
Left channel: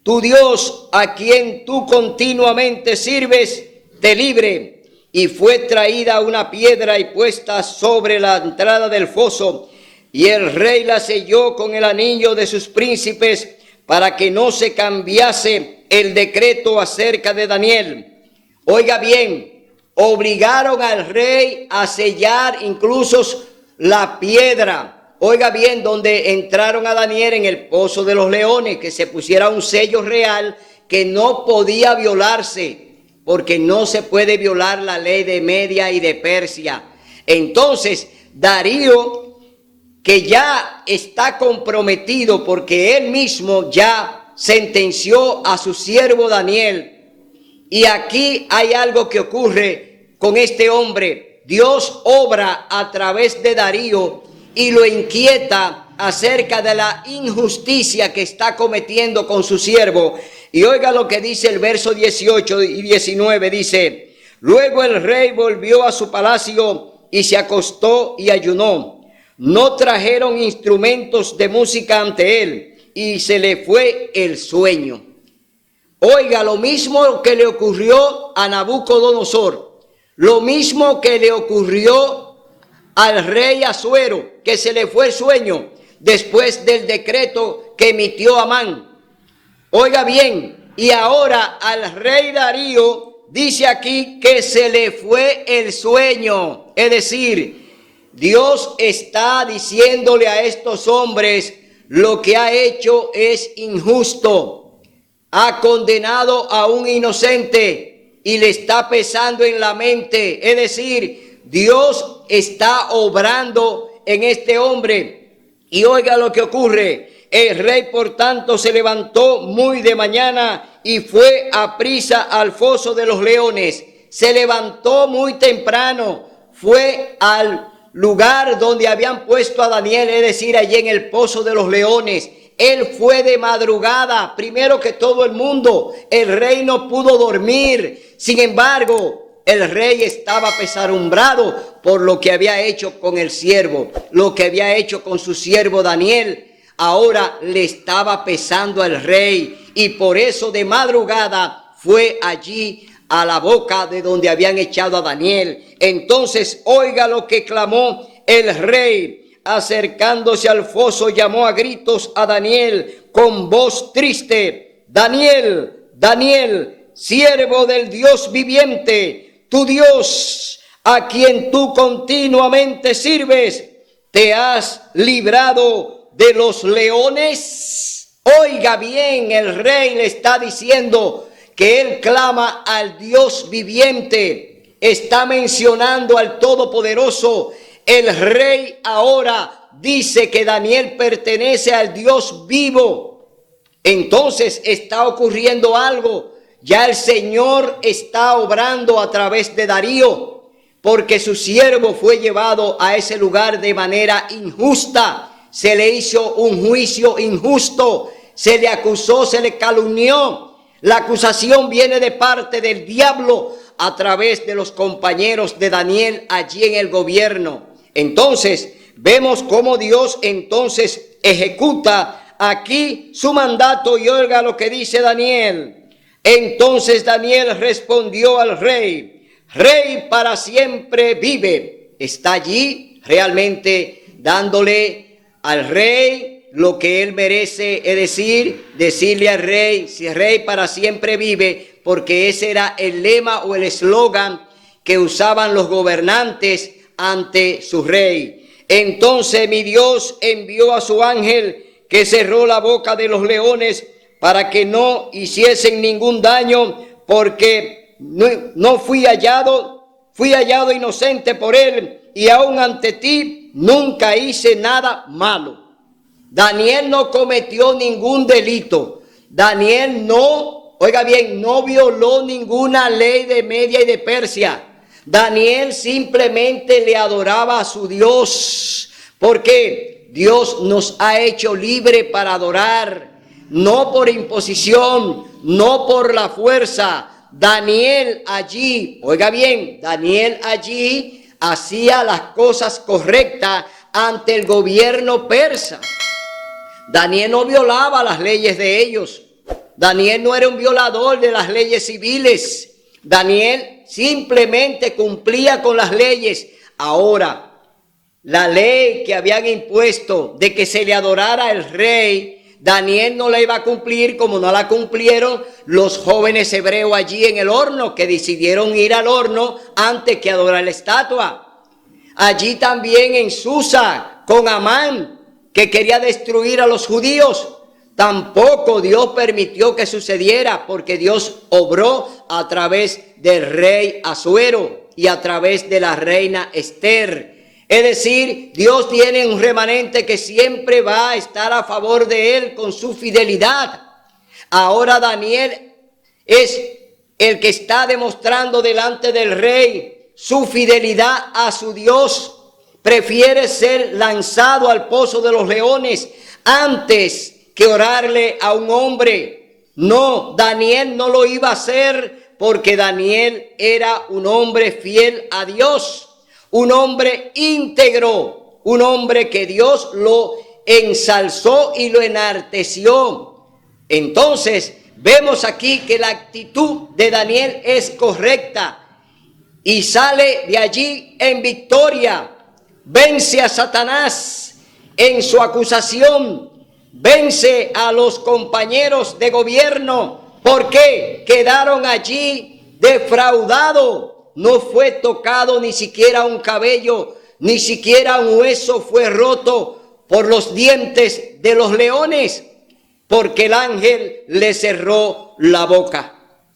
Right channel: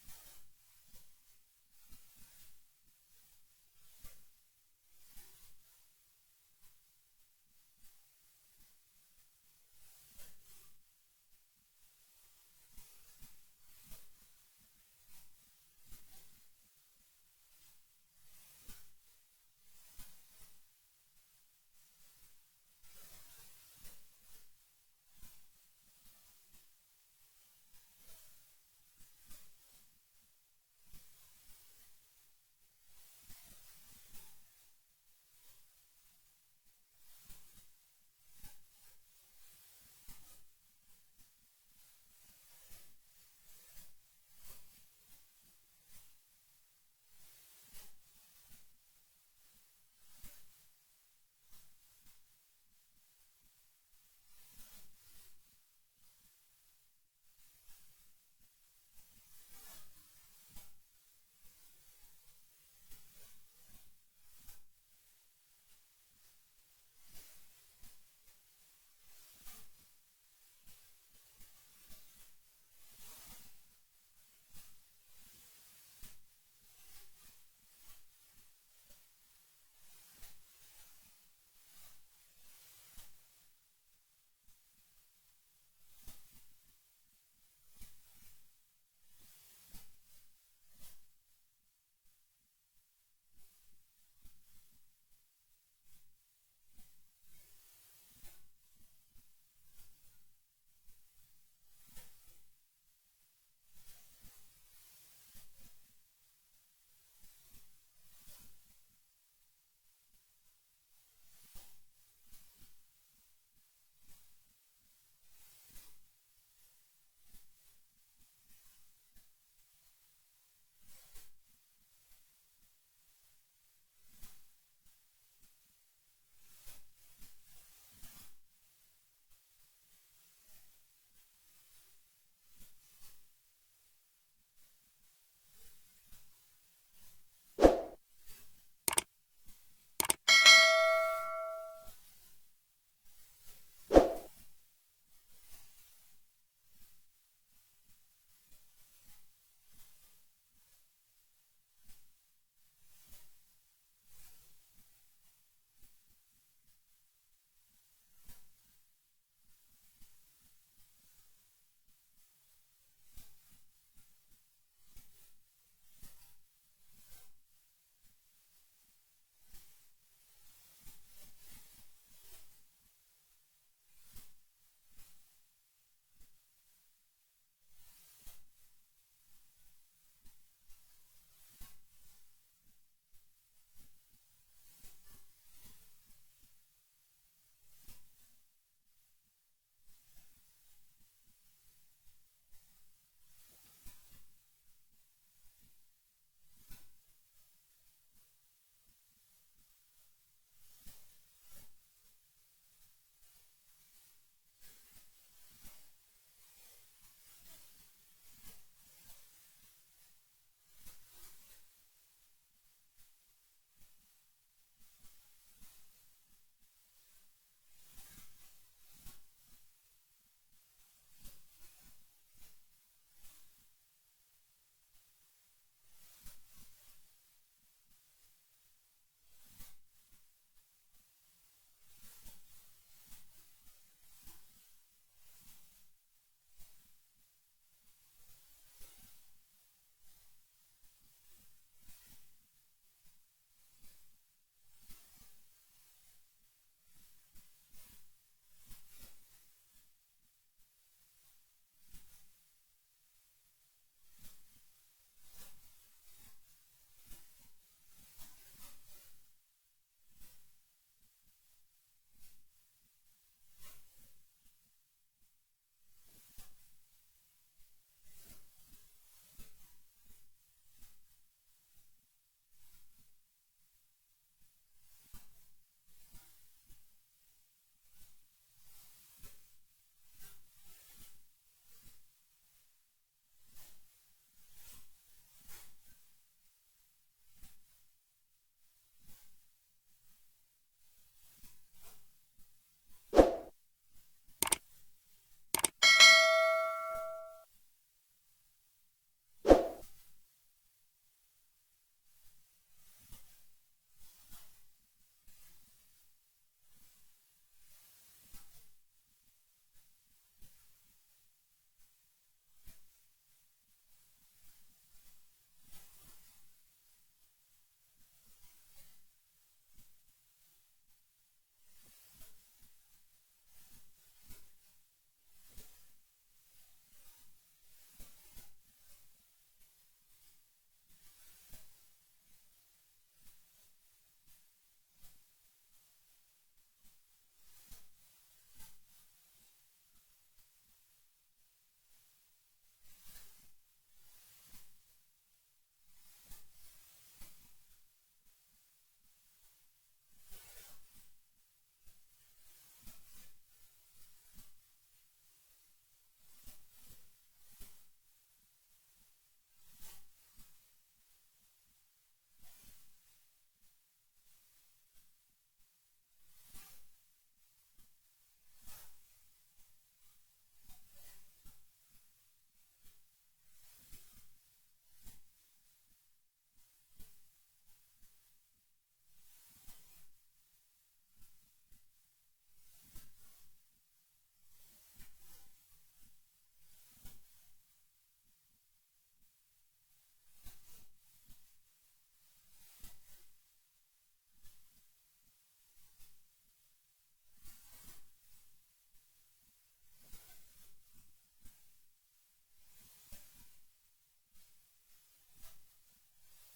tu Dios, a quien tú continuamente sirves, te libre. Y fue traída una piedra y puesta sobre la entrada del foso. Y el rey la selló con el anillo de sus príncipes para que no se cambiase el decreto acerca de Daniel. Oiga bien, obligaron al rey a sellar incluso la piedra. Oiga bien, donde entraron a Daniel en el pozo de los leones, que se pusiera un sello real que no podía violarse, porque no se puede violar la ley de Media y de Persia. Entonces, Darío, que ya está comprometido porque él mismo ya sentenció a su siervo Daniel. Y aquí hay algo que ocurre con este hombre. Dios obra a través de Darío y lo inquieta acerca de la injusticia que está cometiendo con su siervo. Y oiga lo que dice el verso 18 y 19, dice, luego el rey volvió a su palacio y se acostó y ayunó. No trajeron instrumentos de música ante él y se le fue el sueño. Oiga, lo mismo que le ocurrió a Nabucodonosor, lo mismo que le ocurrió al rey Asuero, que se le fue el sueño después del decreto que emitió Amán. Oiga bien, y ahora al rey Darío dice aquí que se le fue el sueño. Es decir, Dios está diciéndole a estos hombres, lo que ha hecho es injusto. Ha condenado a un inocente y le está pesando en la mente. Es decir, Dios está obrando en este hombre. Y oiga lo que ocurre. El rey, por tanto, se levantó muy de mañana y fue a prisa al foso de los leones. Se levantó muy temprano, fue al lugar donde habían puesto a Daniel, es decir, allí en el pozo de los leones. Él fue de madrugada, primero que todo el mundo. El rey no pudo dormir. Sin embargo, el rey estaba apesadumbrado por lo que había hecho con el siervo, lo que había hecho con su siervo Daniel. Ahora le estaba pesando al rey y por eso de madrugada fue allí a la boca de donde habían echado a Daniel. Entonces, oiga lo que clamó el rey. Acercándose al foso, llamó a gritos a Daniel con voz triste: Daniel, Daniel, siervo del Dios viviente, tu Dios, a quien tú continuamente sirves, ¿te has librado de los leones? Oiga bien, el rey le está diciendo que él clama al Dios viviente, está mencionando al Todopoderoso. El rey ahora dice que Daniel pertenece al Dios vivo. Entonces está ocurriendo algo. Ya el Señor está obrando a través de Darío, porque su siervo fue llevado a ese lugar de manera injusta. Se le hizo un juicio injusto. se le acusó, se le calumnió. La acusación viene de parte del diablo a través de los compañeros de Daniel allí en el gobierno. Entonces, vemos cómo Dios entonces ejecuta aquí su mandato y oiga lo que dice Daniel. Entonces Daniel respondió al rey: Rey para siempre vive. Está allí realmente dándole al rey lo que él merece, es decir, decirle al rey, si rey para siempre vive, porque ese era el lema o el eslogan que usaban los gobernantes ante su rey. Entonces mi Dios envió a su ángel que cerró la boca de los leones para que no hiciesen ningún daño, porque no fui hallado inocente por él, y aún ante ti nunca hice nada malo. Daniel no cometió ningún delito. Daniel no, oiga bien, no violó ninguna ley de Media y de Persia. Daniel simplemente le adoraba a su Dios, porque Dios nos ha hecho libre para adorar, no por imposición, no por la fuerza. Daniel allí, oiga bien, Daniel allí hacía las cosas correctas ante el gobierno persa. Daniel no violaba las leyes de ellos. Daniel no era un violador de las leyes civiles. Daniel simplemente cumplía con las leyes. Ahora, la ley que habían impuesto de que se le adorara al rey, Daniel no la iba a cumplir como no la cumplieron los jóvenes hebreos allí en el horno, que decidieron ir al horno antes que adorar la estatua. Allí también en Susa con Amán, que quería destruir a los judíos, tampoco Dios permitió que sucediera, porque Dios obró a través del rey Asuero y a través de la reina Esther. Es decir, Dios tiene un remanente que siempre va a estar a favor de él con su fidelidad. Ahora Daniel es el que está demostrando delante del rey su fidelidad a su Dios. Prefiere ser lanzado al pozo de los leones antes que orarle a un hombre. No, Daniel no lo iba a hacer, porque Daniel era un hombre fiel a Dios. Un hombre íntegro, un hombre que Dios lo ensalzó y lo enalteció. Entonces, vemos aquí que la actitud de Daniel es correcta y sale de allí en victoria. Vence a Satanás en su acusación, vence a los compañeros de gobierno, porque quedaron allí defraudados. No fue tocado ni siquiera un cabello, ni siquiera un hueso fue roto por los dientes de los leones, porque el ángel le cerró la boca.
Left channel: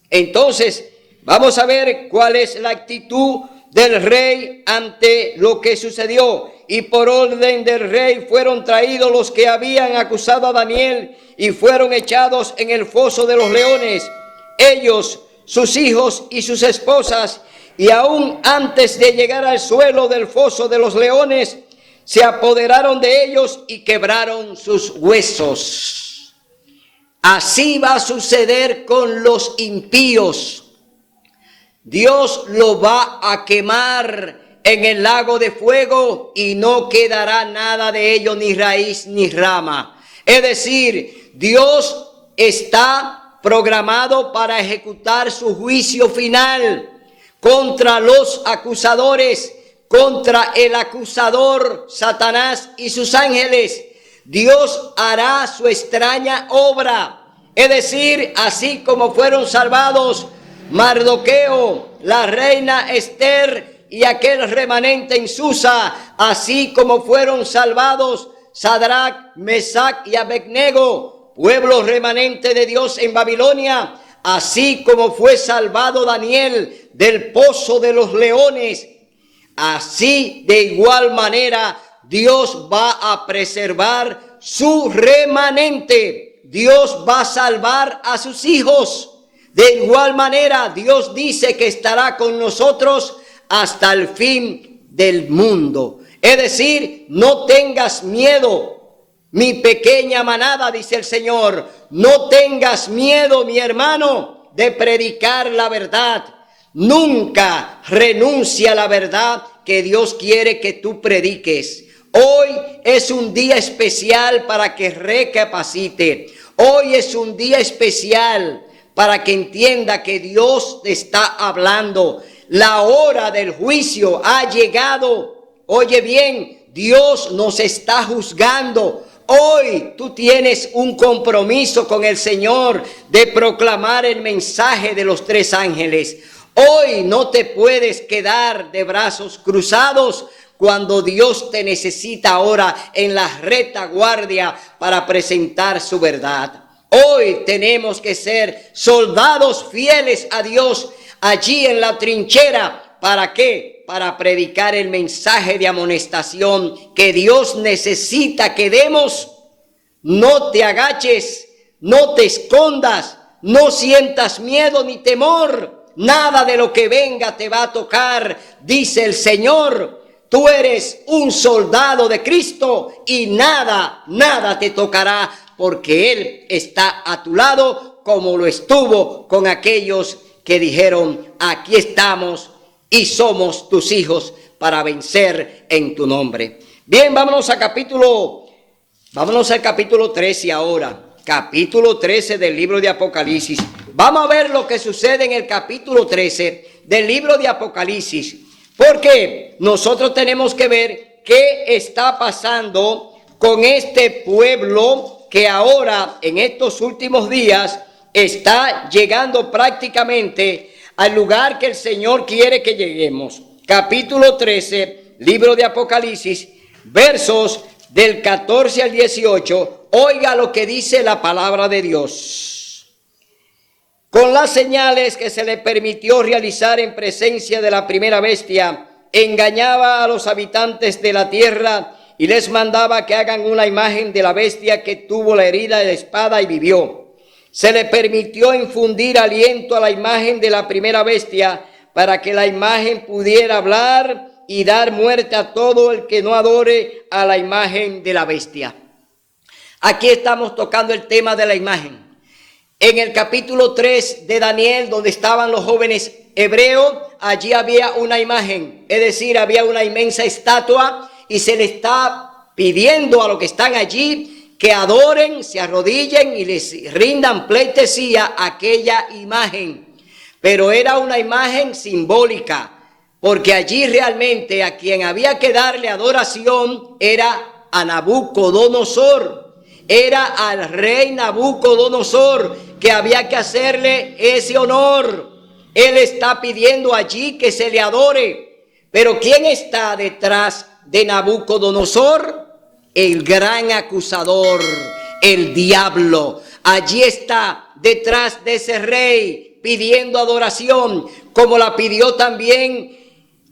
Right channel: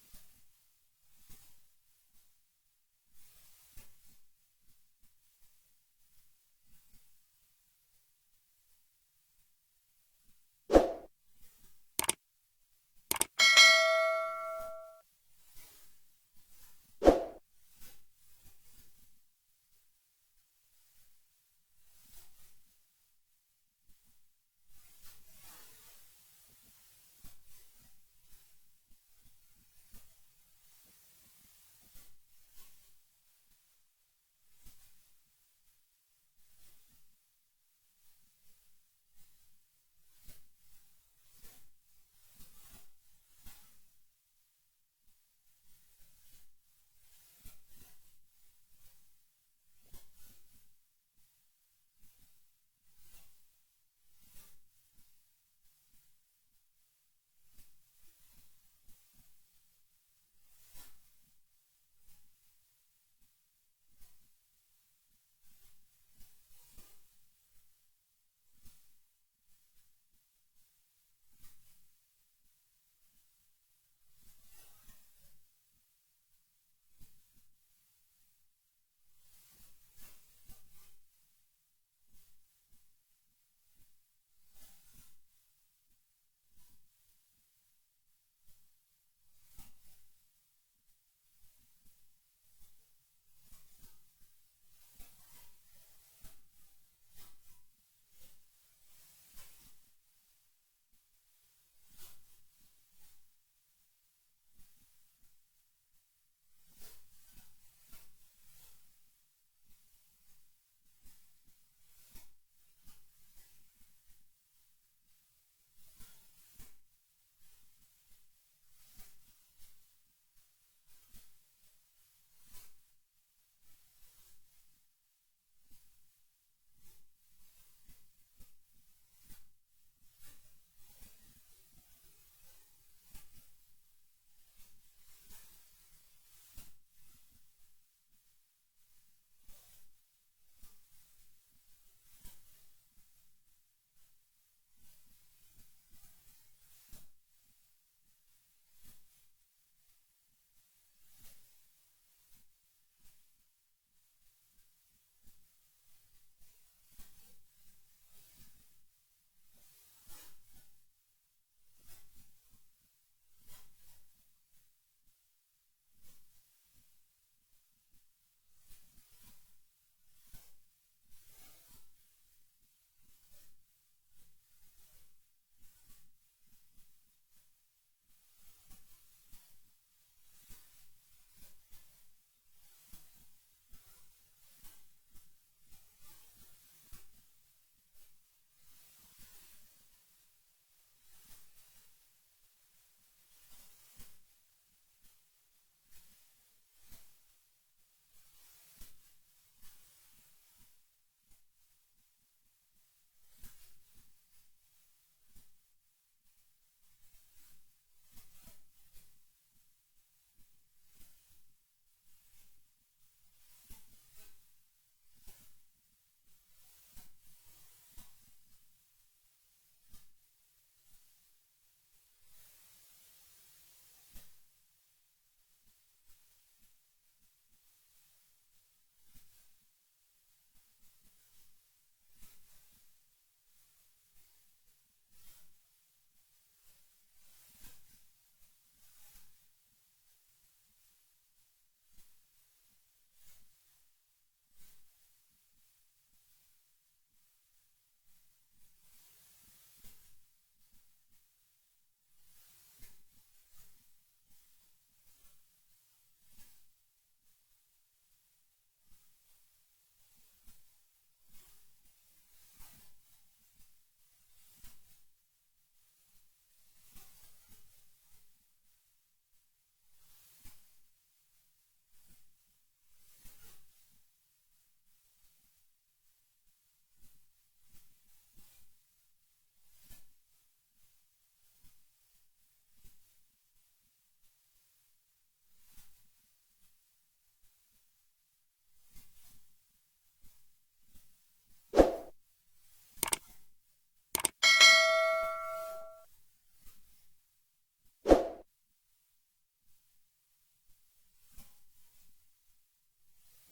Entonces, vamos a ver cuál es la actitud del rey ante lo que sucedió. Y por orden del rey fueron traídos los que habían acusado a Daniel y fueron echados en el foso de los leones, ellos, sus hijos y sus esposas. Y aún antes de llegar al suelo del foso de los leones, se apoderaron de ellos y quebraron sus huesos. Así va a suceder con los impíos. Dios lo va a quemar en el lago de fuego y no quedará nada de ello, ni raíz ni rama. Es decir, Dios está programado para ejecutar su juicio final contra los acusadores, contra el acusador Satanás y sus ángeles. Dios hará su extraña obra. Es decir, así como fueron salvados Mardoqueo, la reina Esther y aquel remanente en Susa, así como fueron salvados Sadrach, Mesach y Abednego, pueblo remanente de Dios en Babilonia, así como fue salvado Daniel del pozo de los leones, así de igual manera Dios va a preservar su remanente. Dios va a salvar a sus hijos. De igual manera, Dios dice que estará con nosotros hasta el fin del mundo. Es decir, no tengas miedo. mi pequeña manada, dice el Señor, no tengas miedo, mi hermano, de predicar la verdad. Nunca renuncia a la verdad que Dios quiere que tú prediques. Hoy es un día especial para que recapacite. Hoy es un día especial para que entienda que Dios te está hablando. La hora del juicio ha llegado. Oye bien, Dios nos está juzgando. Hoy tú tienes un compromiso con el Señor de proclamar el mensaje de los tres ángeles. Hoy no te puedes quedar de brazos cruzados cuando Dios te necesita ahora en la retaguardia para presentar su verdad. Hoy tenemos que ser soldados fieles a Dios allí en la trinchera. ¿Para qué? Para predicar el mensaje de amonestación que Dios necesita que demos. No te agaches, no te escondas, no sientas miedo ni temor. Nada de lo que venga te va a tocar, dice el Señor. Tú eres un soldado de Cristo y nada te tocará, porque Él está a tu lado como lo estuvo con aquellos que dijeron, aquí estamos y somos tus hijos para vencer en tu nombre. Bien, vámonos al capítulo 13 ahora. Capítulo 13 del libro de Apocalipsis. Vamos a ver lo que sucede en el capítulo 13 del libro de Apocalipsis. Porque nosotros tenemos que ver qué está pasando con este pueblo que ahora, en estos últimos días, está llegando prácticamente al lugar que el Señor quiere que lleguemos. Capítulo 13, libro de Apocalipsis, versos del 14 al 18. Oiga lo que dice la palabra de Dios. Con las señales que se le permitió realizar en presencia de la primera bestia, engañaba a los habitantes de la tierra y les mandaba que hagan una imagen de la bestia que tuvo la herida de la espada y vivió. Se le permitió infundir aliento a la imagen de la primera bestia para que la imagen pudiera hablar y dar muerte a todo el que no adore a la imagen de la bestia. Aquí estamos tocando el tema de la imagen. En el capítulo 3 de Daniel, donde estaban los jóvenes hebreos, allí había una imagen, es decir, había una inmensa estatua y se le está pidiendo a los que están allí que adoren, se arrodillen y les rindan pleitesía a aquella imagen. Pero era una imagen simbólica, porque allí realmente a quien había que darle adoración era a Nabucodonosor. Era al rey Nabucodonosor que había que hacerle ese honor. Él está pidiendo allí que se le adore. Pero ¿quién está detrás de Nabucodonosor? El gran acusador, el diablo. Allí está detrás de ese rey pidiendo adoración, como la pidió también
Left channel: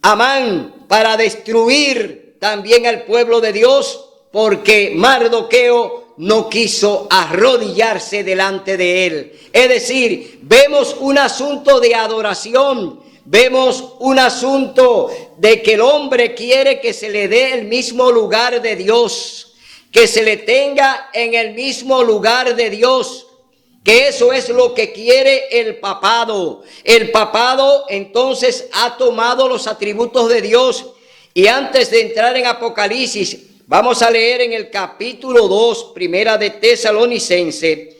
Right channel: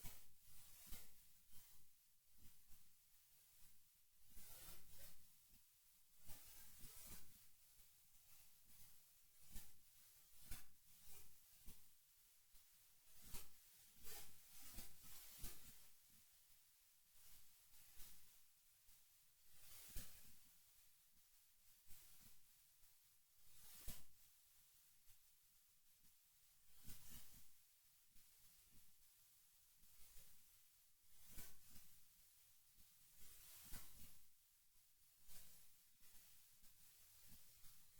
Amán para destruir también al pueblo de Dios, porque Mardoqueo no quiso arrodillarse delante de él. Es decir, vemos un asunto de adoración, vemos un asunto de que el hombre quiere que se le dé el mismo lugar de Dios, que se le tenga en el mismo lugar de Dios, que eso es lo que quiere el papado. El papado entonces ha tomado los atributos de Dios. Y antes de entrar en Apocalipsis, vamos a leer en el capítulo 2, primera de Tesalonicense,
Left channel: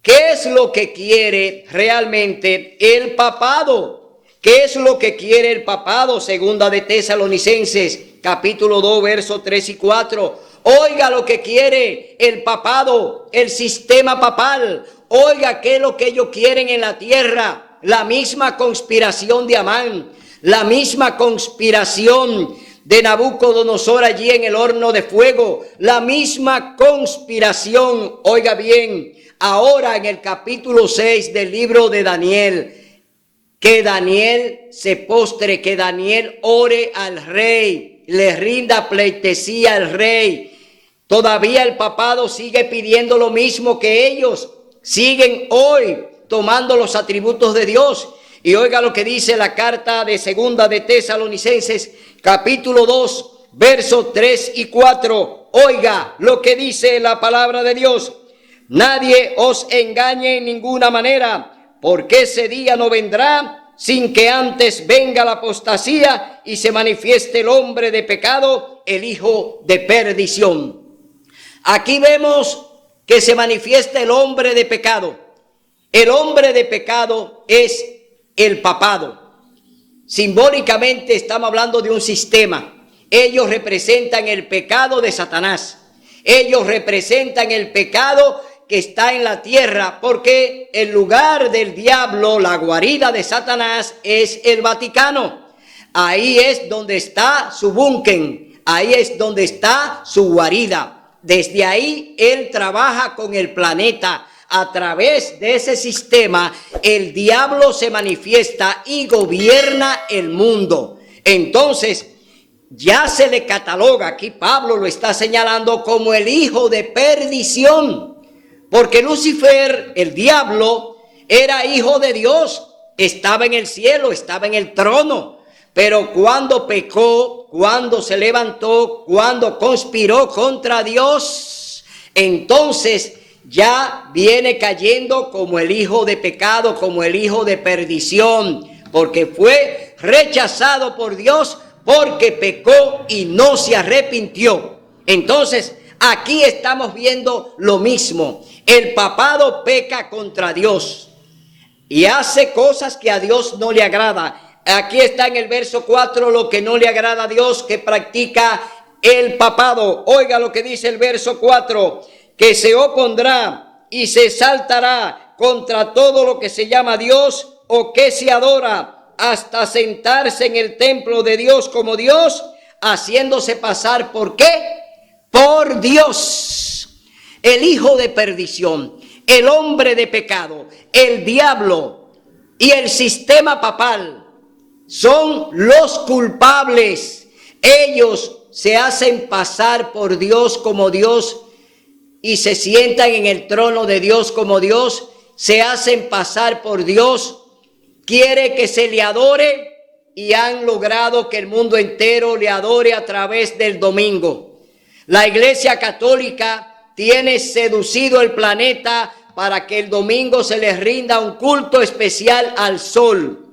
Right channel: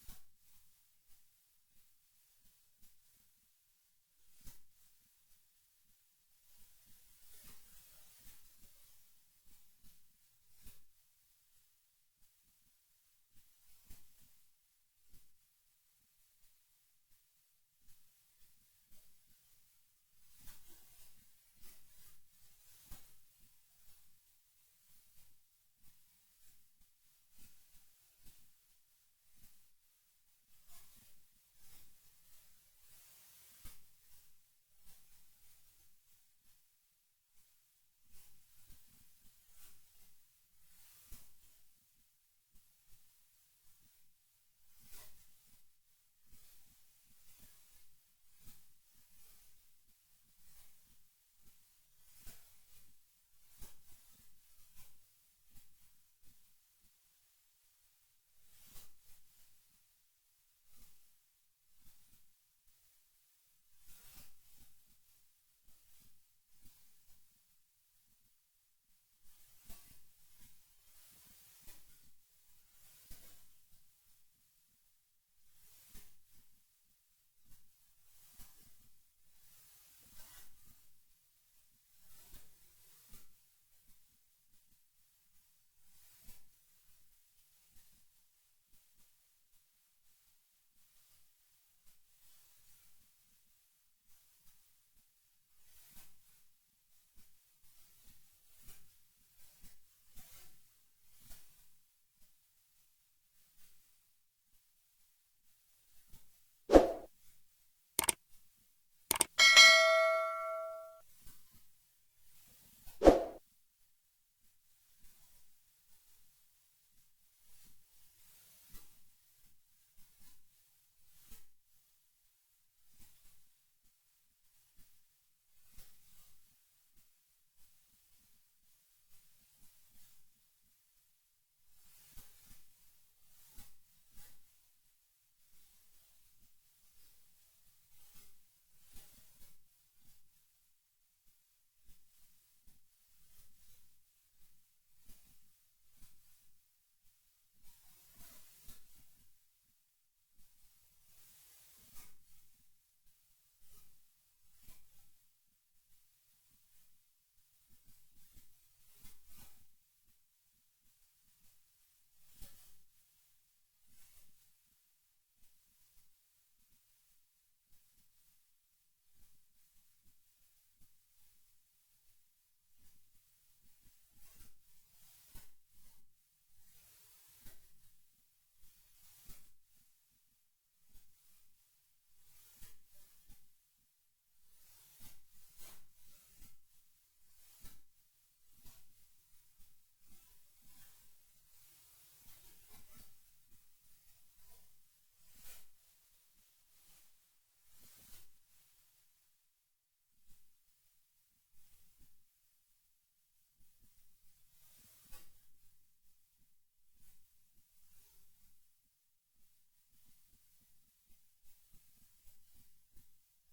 ¿qué es lo que quiere realmente el papado? ¿Qué es lo que quiere el papado? Segunda de Tesalonicenses, capítulo 2, versos 3 y 4. Oiga lo que quiere el papado, el sistema papal. Oiga qué es lo que ellos quieren en la tierra. La misma conspiración de Amán, la misma conspiración de Nabucodonosor allí en el horno de fuego, la misma conspiración. Oiga bien, ahora en el capítulo 6 del libro de Daniel, que Daniel se postre, que Daniel ore al rey, le rinda pleitesía al rey. Todavía el papado sigue pidiendo lo mismo que ellos, siguen hoy tomando los atributos de Dios. Y oiga lo que dice la carta de segunda de Tesalonicenses, capítulo 2, versos 3 y 4. oiga lo que dice la palabra de Dios. Nadie os engañe en ninguna manera, porque ese día no vendrá sin que antes venga la apostasía y se manifieste el hombre de pecado, el hijo de perdición. Aquí vemos que se manifiesta el hombre de pecado. El hombre de pecado es el papado. Simbólicamente estamos hablando de un sistema. Ellos representan el pecado de Satanás. Ellos representan el pecado que está en la tierra, porque el lugar del diablo, la guarida de Satanás, es el Vaticano. Ahí es donde está su búnker, ahí es donde está su guarida. Desde ahí él trabaja con el planeta. A través de ese sistema, el diablo se manifiesta y gobierna el mundo. Entonces, ya se le cataloga, aquí Pablo lo está señalando como el hijo de perdición, porque Lucifer, el diablo, era hijo de Dios, estaba en el cielo, estaba en el trono, pero cuando pecó, cuando se levantó, cuando conspiró contra Dios, entonces ya viene cayendo como el hijo de pecado, como el hijo de perdición, porque fue rechazado por Dios, porque pecó y no se arrepintió. Entonces, aquí estamos viendo lo mismo. El papado peca contra Dios y hace cosas que a Dios no le agrada. Aquí está en el verso 4 lo que no le agrada a Dios, que practica el papado. Oiga lo que dice el verso 4, que se opondrá y se exaltará contra todo lo que se llama Dios o que se adora, hasta sentarse en el templo de Dios como Dios, haciéndose pasar ¿por qué? Por Dios. El hijo de perdición, el hombre de pecado, el diablo y el sistema papal son los culpables. Ellos se hacen pasar por Dios como Dios y se sientan en el trono de Dios como Dios, se hacen pasar por Dios, quiere que se le adore y han logrado que el mundo entero le adore a través del domingo. La Iglesia Católica tiene seducido el planeta para que el domingo se les rinda un culto especial al sol.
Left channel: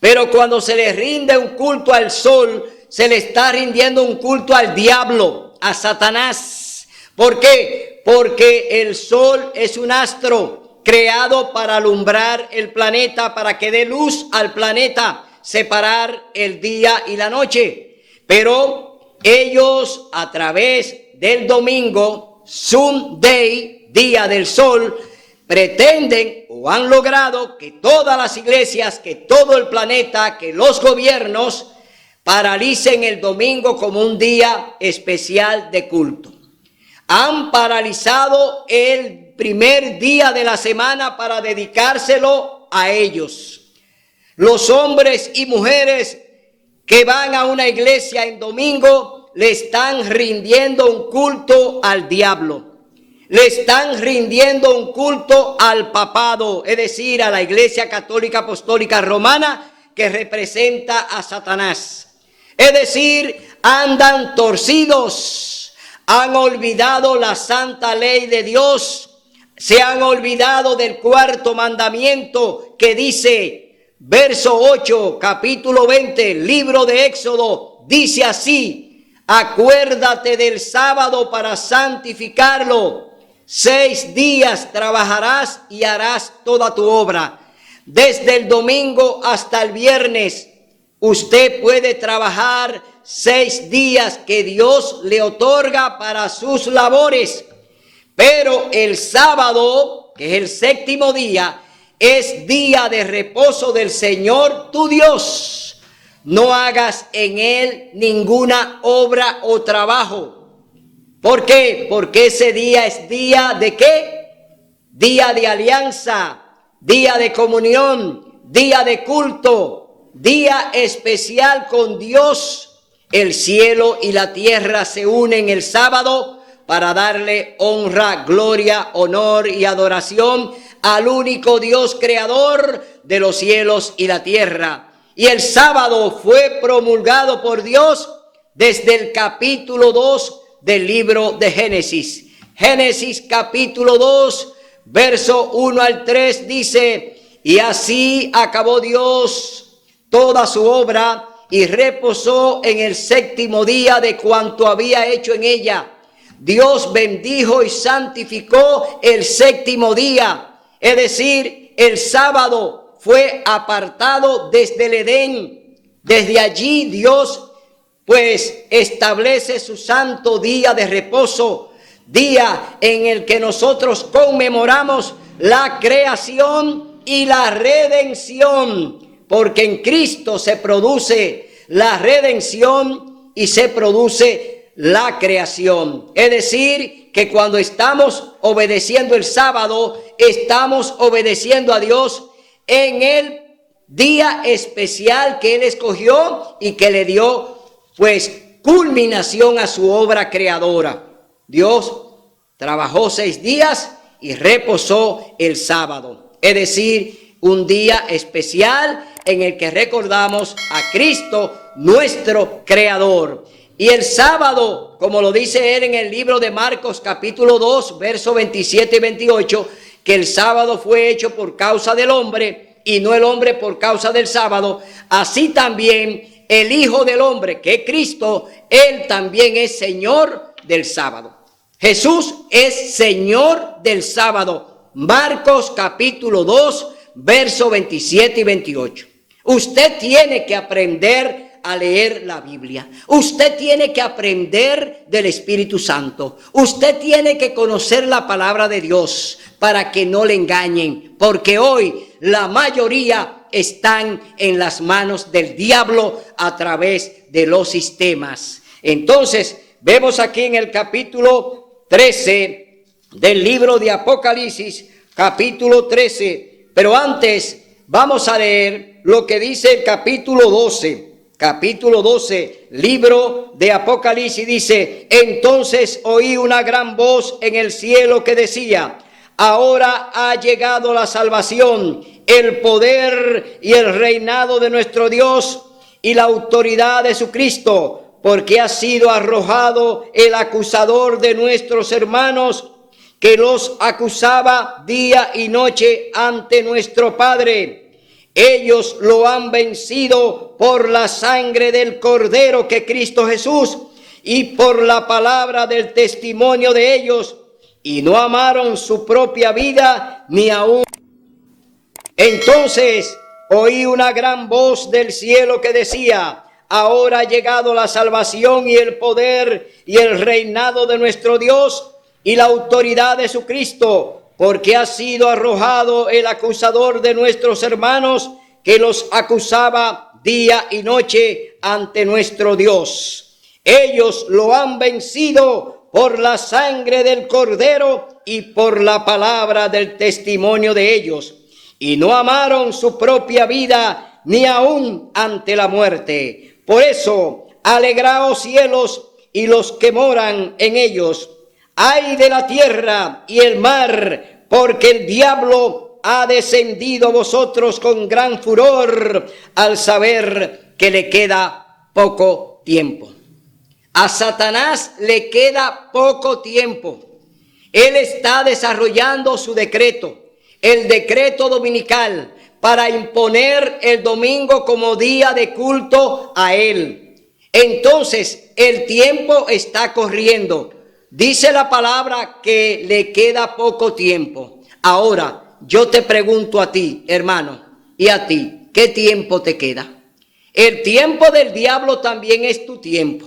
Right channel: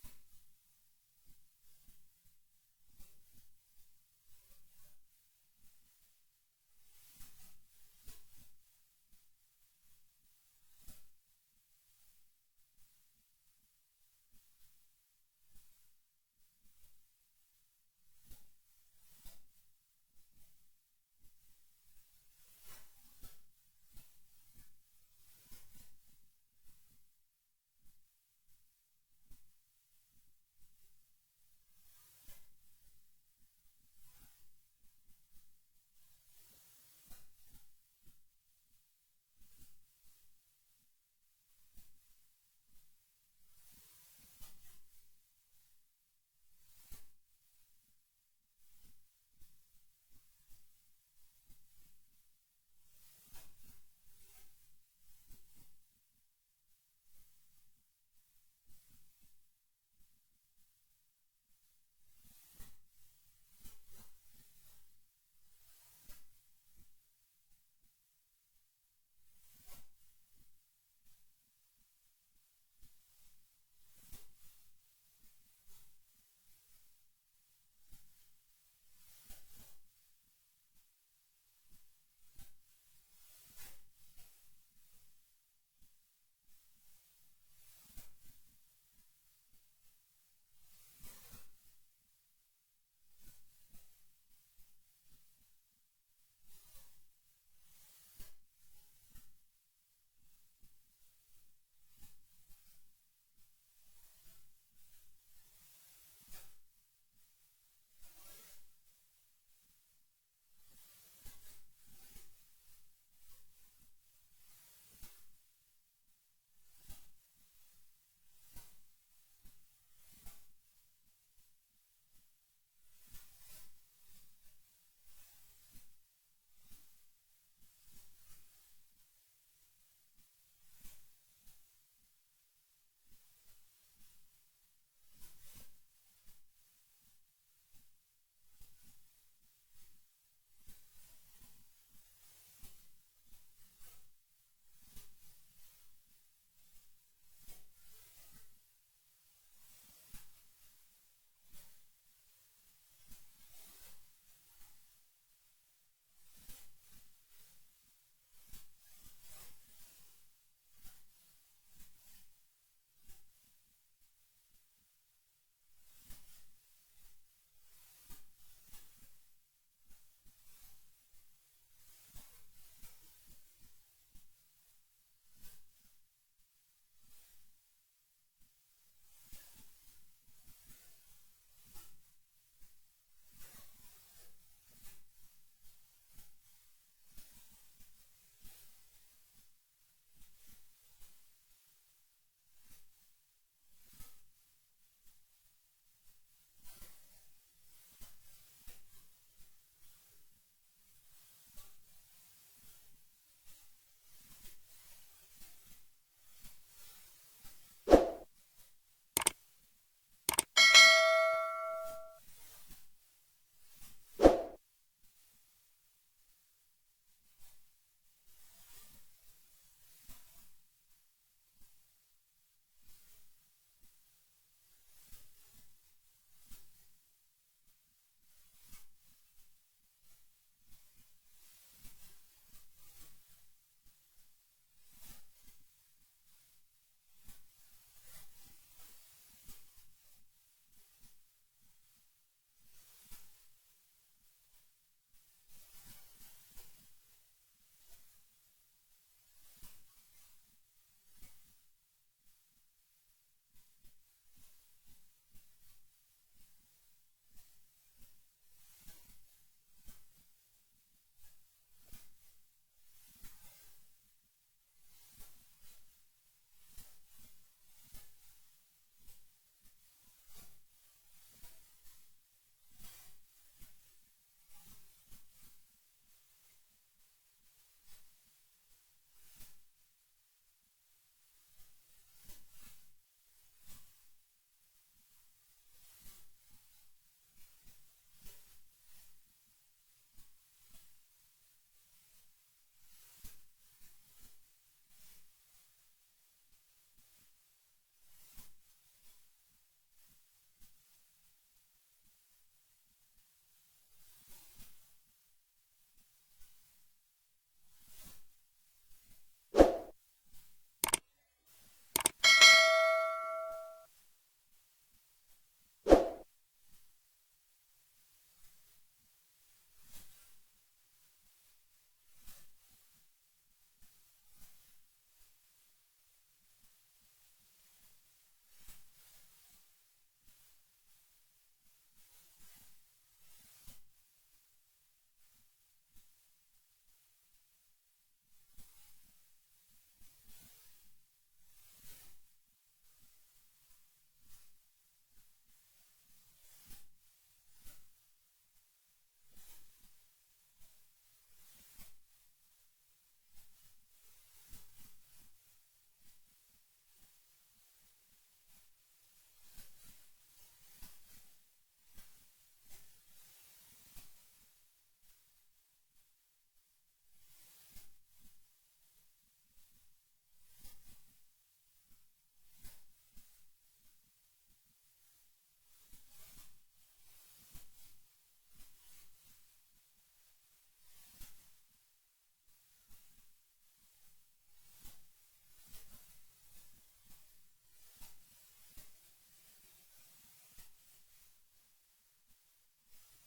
Pero cuando se les rinde un culto al sol, se le está rindiendo un culto al diablo, a Satanás. ¿Por qué? Porque el sol es un astro creado para alumbrar el planeta, para que dé luz al planeta, separar el día y la noche. Pero ellos, a través del domingo, Sunday, día del sol, pretenden o han logrado que todas las iglesias, que todo el planeta, que los gobiernos paralicen el domingo como un día especial de culto. Han paralizado el primer día de la semana para dedicárselo a ellos. Los hombres y mujeres que van a una iglesia en domingo le están rindiendo un culto al diablo. Le están rindiendo un culto al papado, es decir, a la Iglesia Católica Apostólica Romana, que representa a Satanás. Es decir, andan torcidos, han olvidado la santa ley de Dios, se han olvidado del cuarto mandamiento que dice, verso 8, capítulo 20, libro de Éxodo, dice así: acuérdate del sábado para santificarlo. 6 días trabajarás y harás toda tu obra. Desde el domingo hasta el viernes, usted puede trabajar 6 días que Dios le otorga para sus labores. Pero el sábado, que es el 7º día, es día de reposo del Señor tu Dios. No hagas en él ninguna obra o trabajo. ¿Por qué? Porque ese día es día de ¿qué? Día de alianza, día de comunión, día de culto, día especial con Dios. El cielo y la tierra se unen el sábado para darle honra, gloria, honor y adoración al único Dios creador de los cielos y la tierra. Y el sábado fue promulgado por Dios desde el capítulo 2 del libro de Génesis. Génesis capítulo 2, verso 1 al 3 dice: y así acabó Dios toda su obra y reposó en el séptimo día de cuanto había hecho en ella. Dios bendijo y santificó el séptimo día, es decir, el sábado fue apartado desde el Edén. Desde allí Dios pues establece su santo día de reposo, día en el que nosotros conmemoramos la creación y la redención, porque en Cristo se produce la redención y se produce la creación. Es decir, que cuando estamos obedeciendo el sábado, estamos obedeciendo a Dios en el día especial que Él escogió y que le dio pues culminación a su obra creadora. Dios trabajó 6 días y reposó el sábado, es decir, un día especial en el que recordamos a Cristo, nuestro creador. Y el sábado, como lo dice él en el libro de Marcos capítulo 2, versos 27 y 28, que el sábado fue hecho por causa del hombre y no el hombre por causa del sábado, así también el Hijo del Hombre, que es Cristo, Él también es Señor del sábado. Jesús es Señor del sábado. Marcos capítulo 2, versos 27 y 28. Usted tiene que aprender a leer la Biblia. Usted tiene que aprender del Espíritu Santo. Usted tiene que conocer la palabra de Dios para que no le engañen, porque hoy la mayoría están en las manos del diablo a través de los sistemas. Entonces, vemos aquí en el capítulo 13 del libro de Apocalipsis, capítulo 13, pero antes vamos a leer lo que dice el capítulo 12. Capítulo 12, libro de Apocalipsis, dice: entonces oí una gran voz en el cielo que decía: ahora ha llegado la salvación, el poder y el reinado de nuestro Dios y la autoridad de su Cristo, porque ha sido arrojado el acusador de nuestros hermanos, que los acusaba día y noche ante nuestro Padre. Ellos lo han vencido por la sangre del Cordero, que Cristo Jesús, y por la palabra del testimonio de ellos, y no amaron su propia vida ni aún. Entonces oí una gran voz del cielo que decía: ahora ha llegado la salvación y el poder y el reinado de nuestro Dios y la autoridad de su Cristo, porque ha sido arrojado el acusador de nuestros hermanos, que los acusaba día y noche ante nuestro Dios. Ellos lo han vencido por la sangre del Cordero y por la palabra del testimonio de ellos, y no amaron su propia vida ni aún ante la muerte. Por eso, alegraos cielos y los que moran en ellos. Ay de la tierra y el mar, porque el diablo ha descendido a vosotros con gran furor, al saber que le queda poco tiempo. A Satanás le queda poco tiempo. Él está desarrollando su decreto, el decreto dominical, para imponer el domingo como día de culto a él. Entonces, el tiempo está corriendo. Dice la palabra que le queda poco tiempo. Ahora, yo te pregunto a ti, hermano, y a ti, ¿qué tiempo te queda? El tiempo del diablo también es tu tiempo.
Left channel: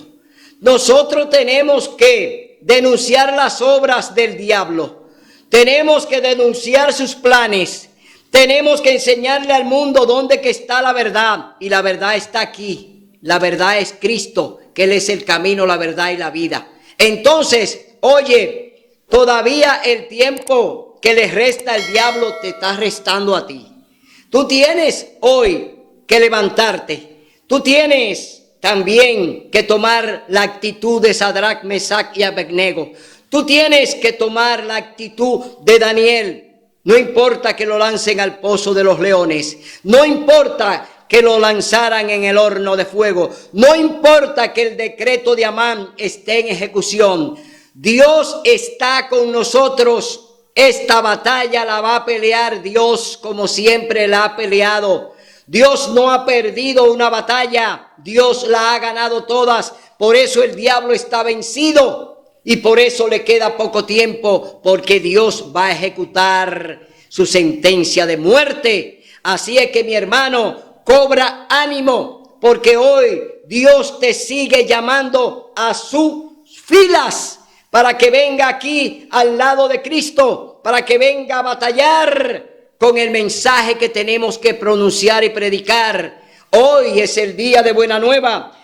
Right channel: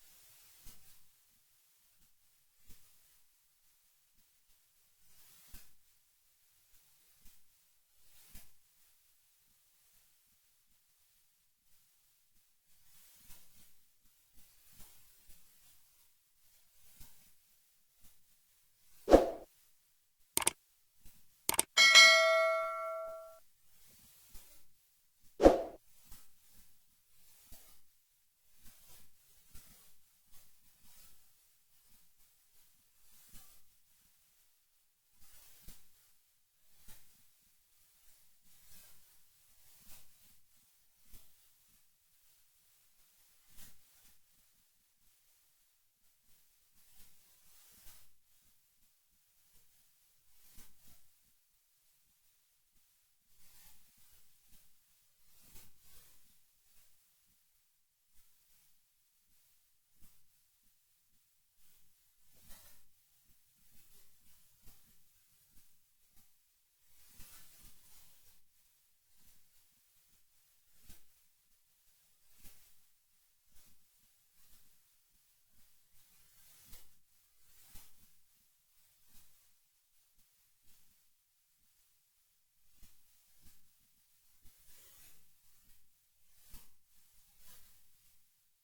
Nosotros tenemos que denunciar las obras del diablo. Tenemos que denunciar sus planes. Tenemos que enseñarle al mundo dónde que está la verdad. Y la verdad está aquí. La verdad es Cristo, que Él es el camino, la verdad y la vida. Entonces, oye, todavía el tiempo que le resta al diablo te está restando a ti. Tú tienes hoy que levantarte. Tú tienes también que tomar la actitud de Sadrach, Mesach y Abednego. Tú tienes que tomar la actitud de Daniel. No importa que lo lancen al pozo de los leones. No importa que lo lanzaran en el horno de fuego. No importa que el decreto de Amán esté en ejecución. Dios está con nosotros. Esta batalla la va a pelear Dios como siempre la ha peleado. Dios no ha perdido una batalla. Dios la ha ganado todas. Por eso el diablo está vencido. Y por eso le queda poco tiempo. Porque Dios va a ejecutar su sentencia de muerte. Así es que mi hermano, cobra ánimo. Porque hoy Dios te sigue llamando a sus filas. Para que venga aquí al lado de Cristo. Para que venga a batallar con el mensaje que tenemos que pronunciar y predicar. Hoy es el día de buena nueva.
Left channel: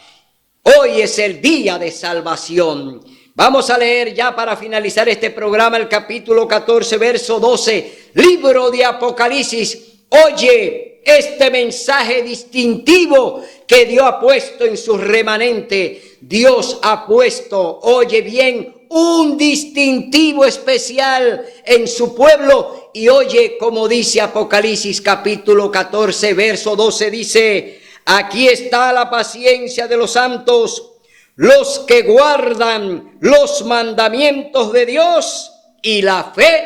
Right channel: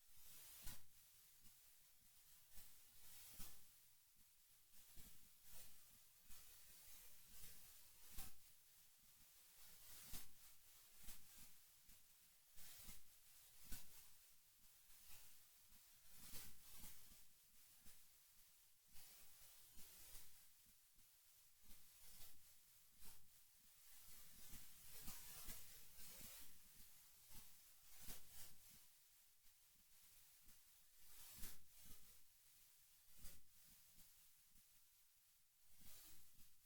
Hoy es el día de salvación. Vamos a leer ya para finalizar este programa el capítulo 14, verso 12. Libro de Apocalipsis. Oye este mensaje distintivo que Dios ha puesto en su remanente. Dios ha puesto, oye bien, un distintivo especial en su pueblo. Y oye como dice Apocalipsis capítulo 14 verso 12, dice: aquí está la paciencia de los santos, los que guardan los mandamientos de Dios y la fe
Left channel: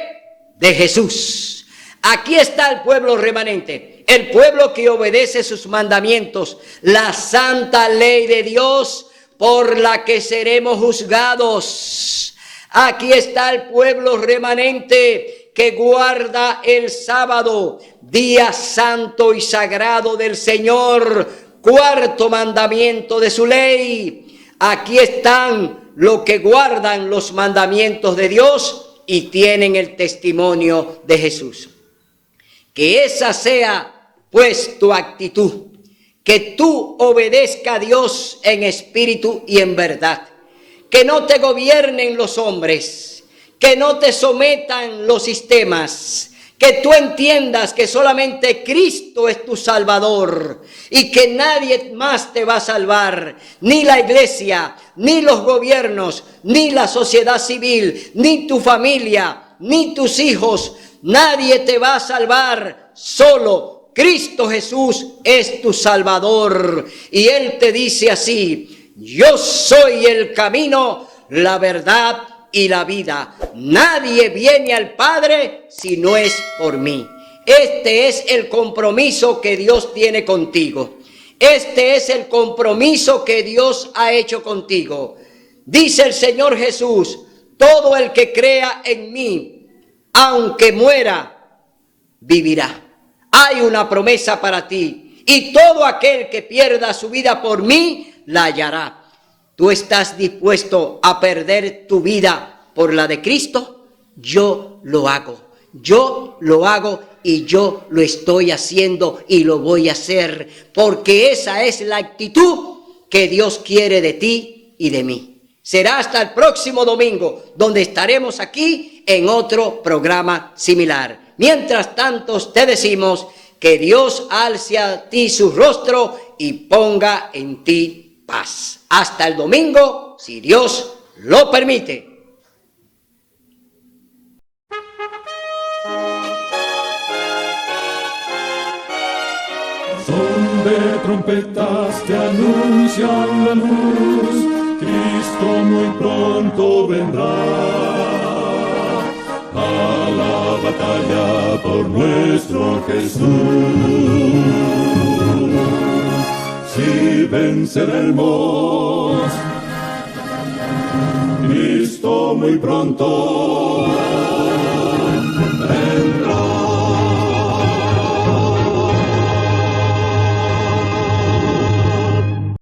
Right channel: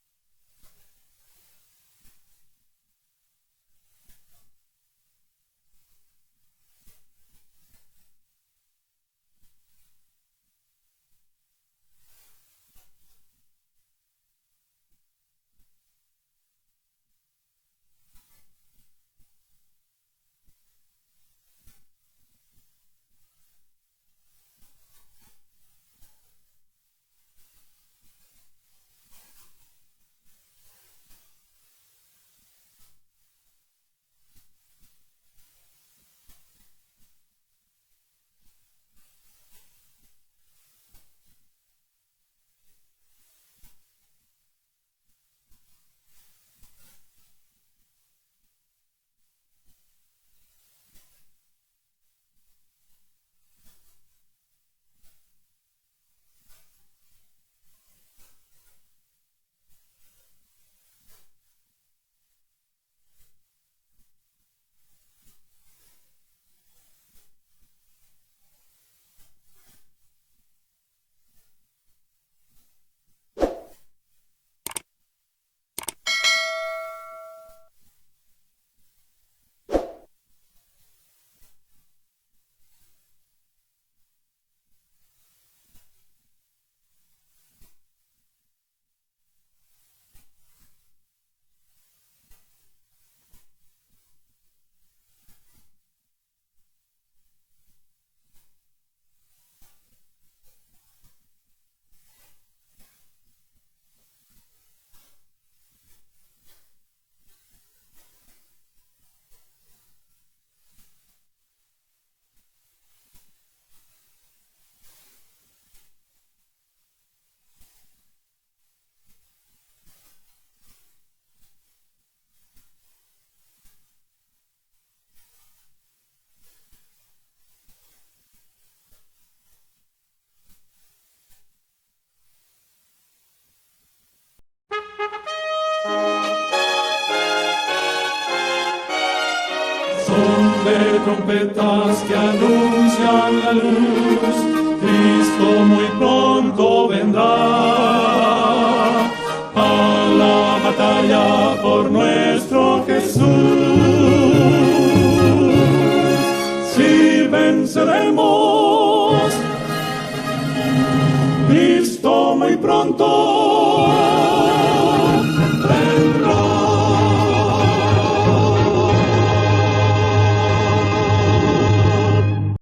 de Jesús. Aquí está el pueblo remanente, el pueblo que obedece sus mandamientos, la santa ley de Dios por la que seremos juzgados. Aquí está el pueblo remanente que guarda el sábado, día santo y sagrado del Señor, cuarto mandamiento de su ley. Aquí están los que guardan los mandamientos de Dios y tienen el testimonio de Jesús. Que esa sea pues tu actitud, que tú obedezcas a Dios en espíritu y en verdad. Que no te gobiernen los hombres, que no te sometan los sistemas, que tú entiendas que solamente Cristo es tu Salvador y que nadie más te va a salvar, ni la iglesia, ni los gobiernos, ni la sociedad civil, ni tu familia, ni tus hijos, nadie te va a salvar, solo Cristo Jesús es tu Salvador. Y Él te dice así: yo soy el camino, la verdad y la vida. Nadie viene al Padre si no es por mí. Este es el compromiso que Dios tiene contigo. Este es el compromiso que Dios ha hecho contigo. Dice el Señor Jesús: todo el que crea en mí, aunque muera, vivirá. Hay una promesa para ti. Y todo aquel que pierda su vida por mí, la hallará. ¿Tú estás dispuesto a perder tu vida por la de Cristo? Yo lo hago. Yo lo hago y yo lo estoy haciendo y lo voy a hacer. Porque esa es la actitud que Dios quiere de ti y de mí. Será hasta el próximo domingo, donde estaremos aquí en otro programa similar. Mientras tanto, te decimos que Dios alce a ti su rostro y ponga en ti paz. Hasta el domingo, si Dios lo permite. Son de trompetas que anuncian la luz, Cristo muy pronto vendrá a la batalla por nuestro Jesús. Si venceremos, Cristo muy pronto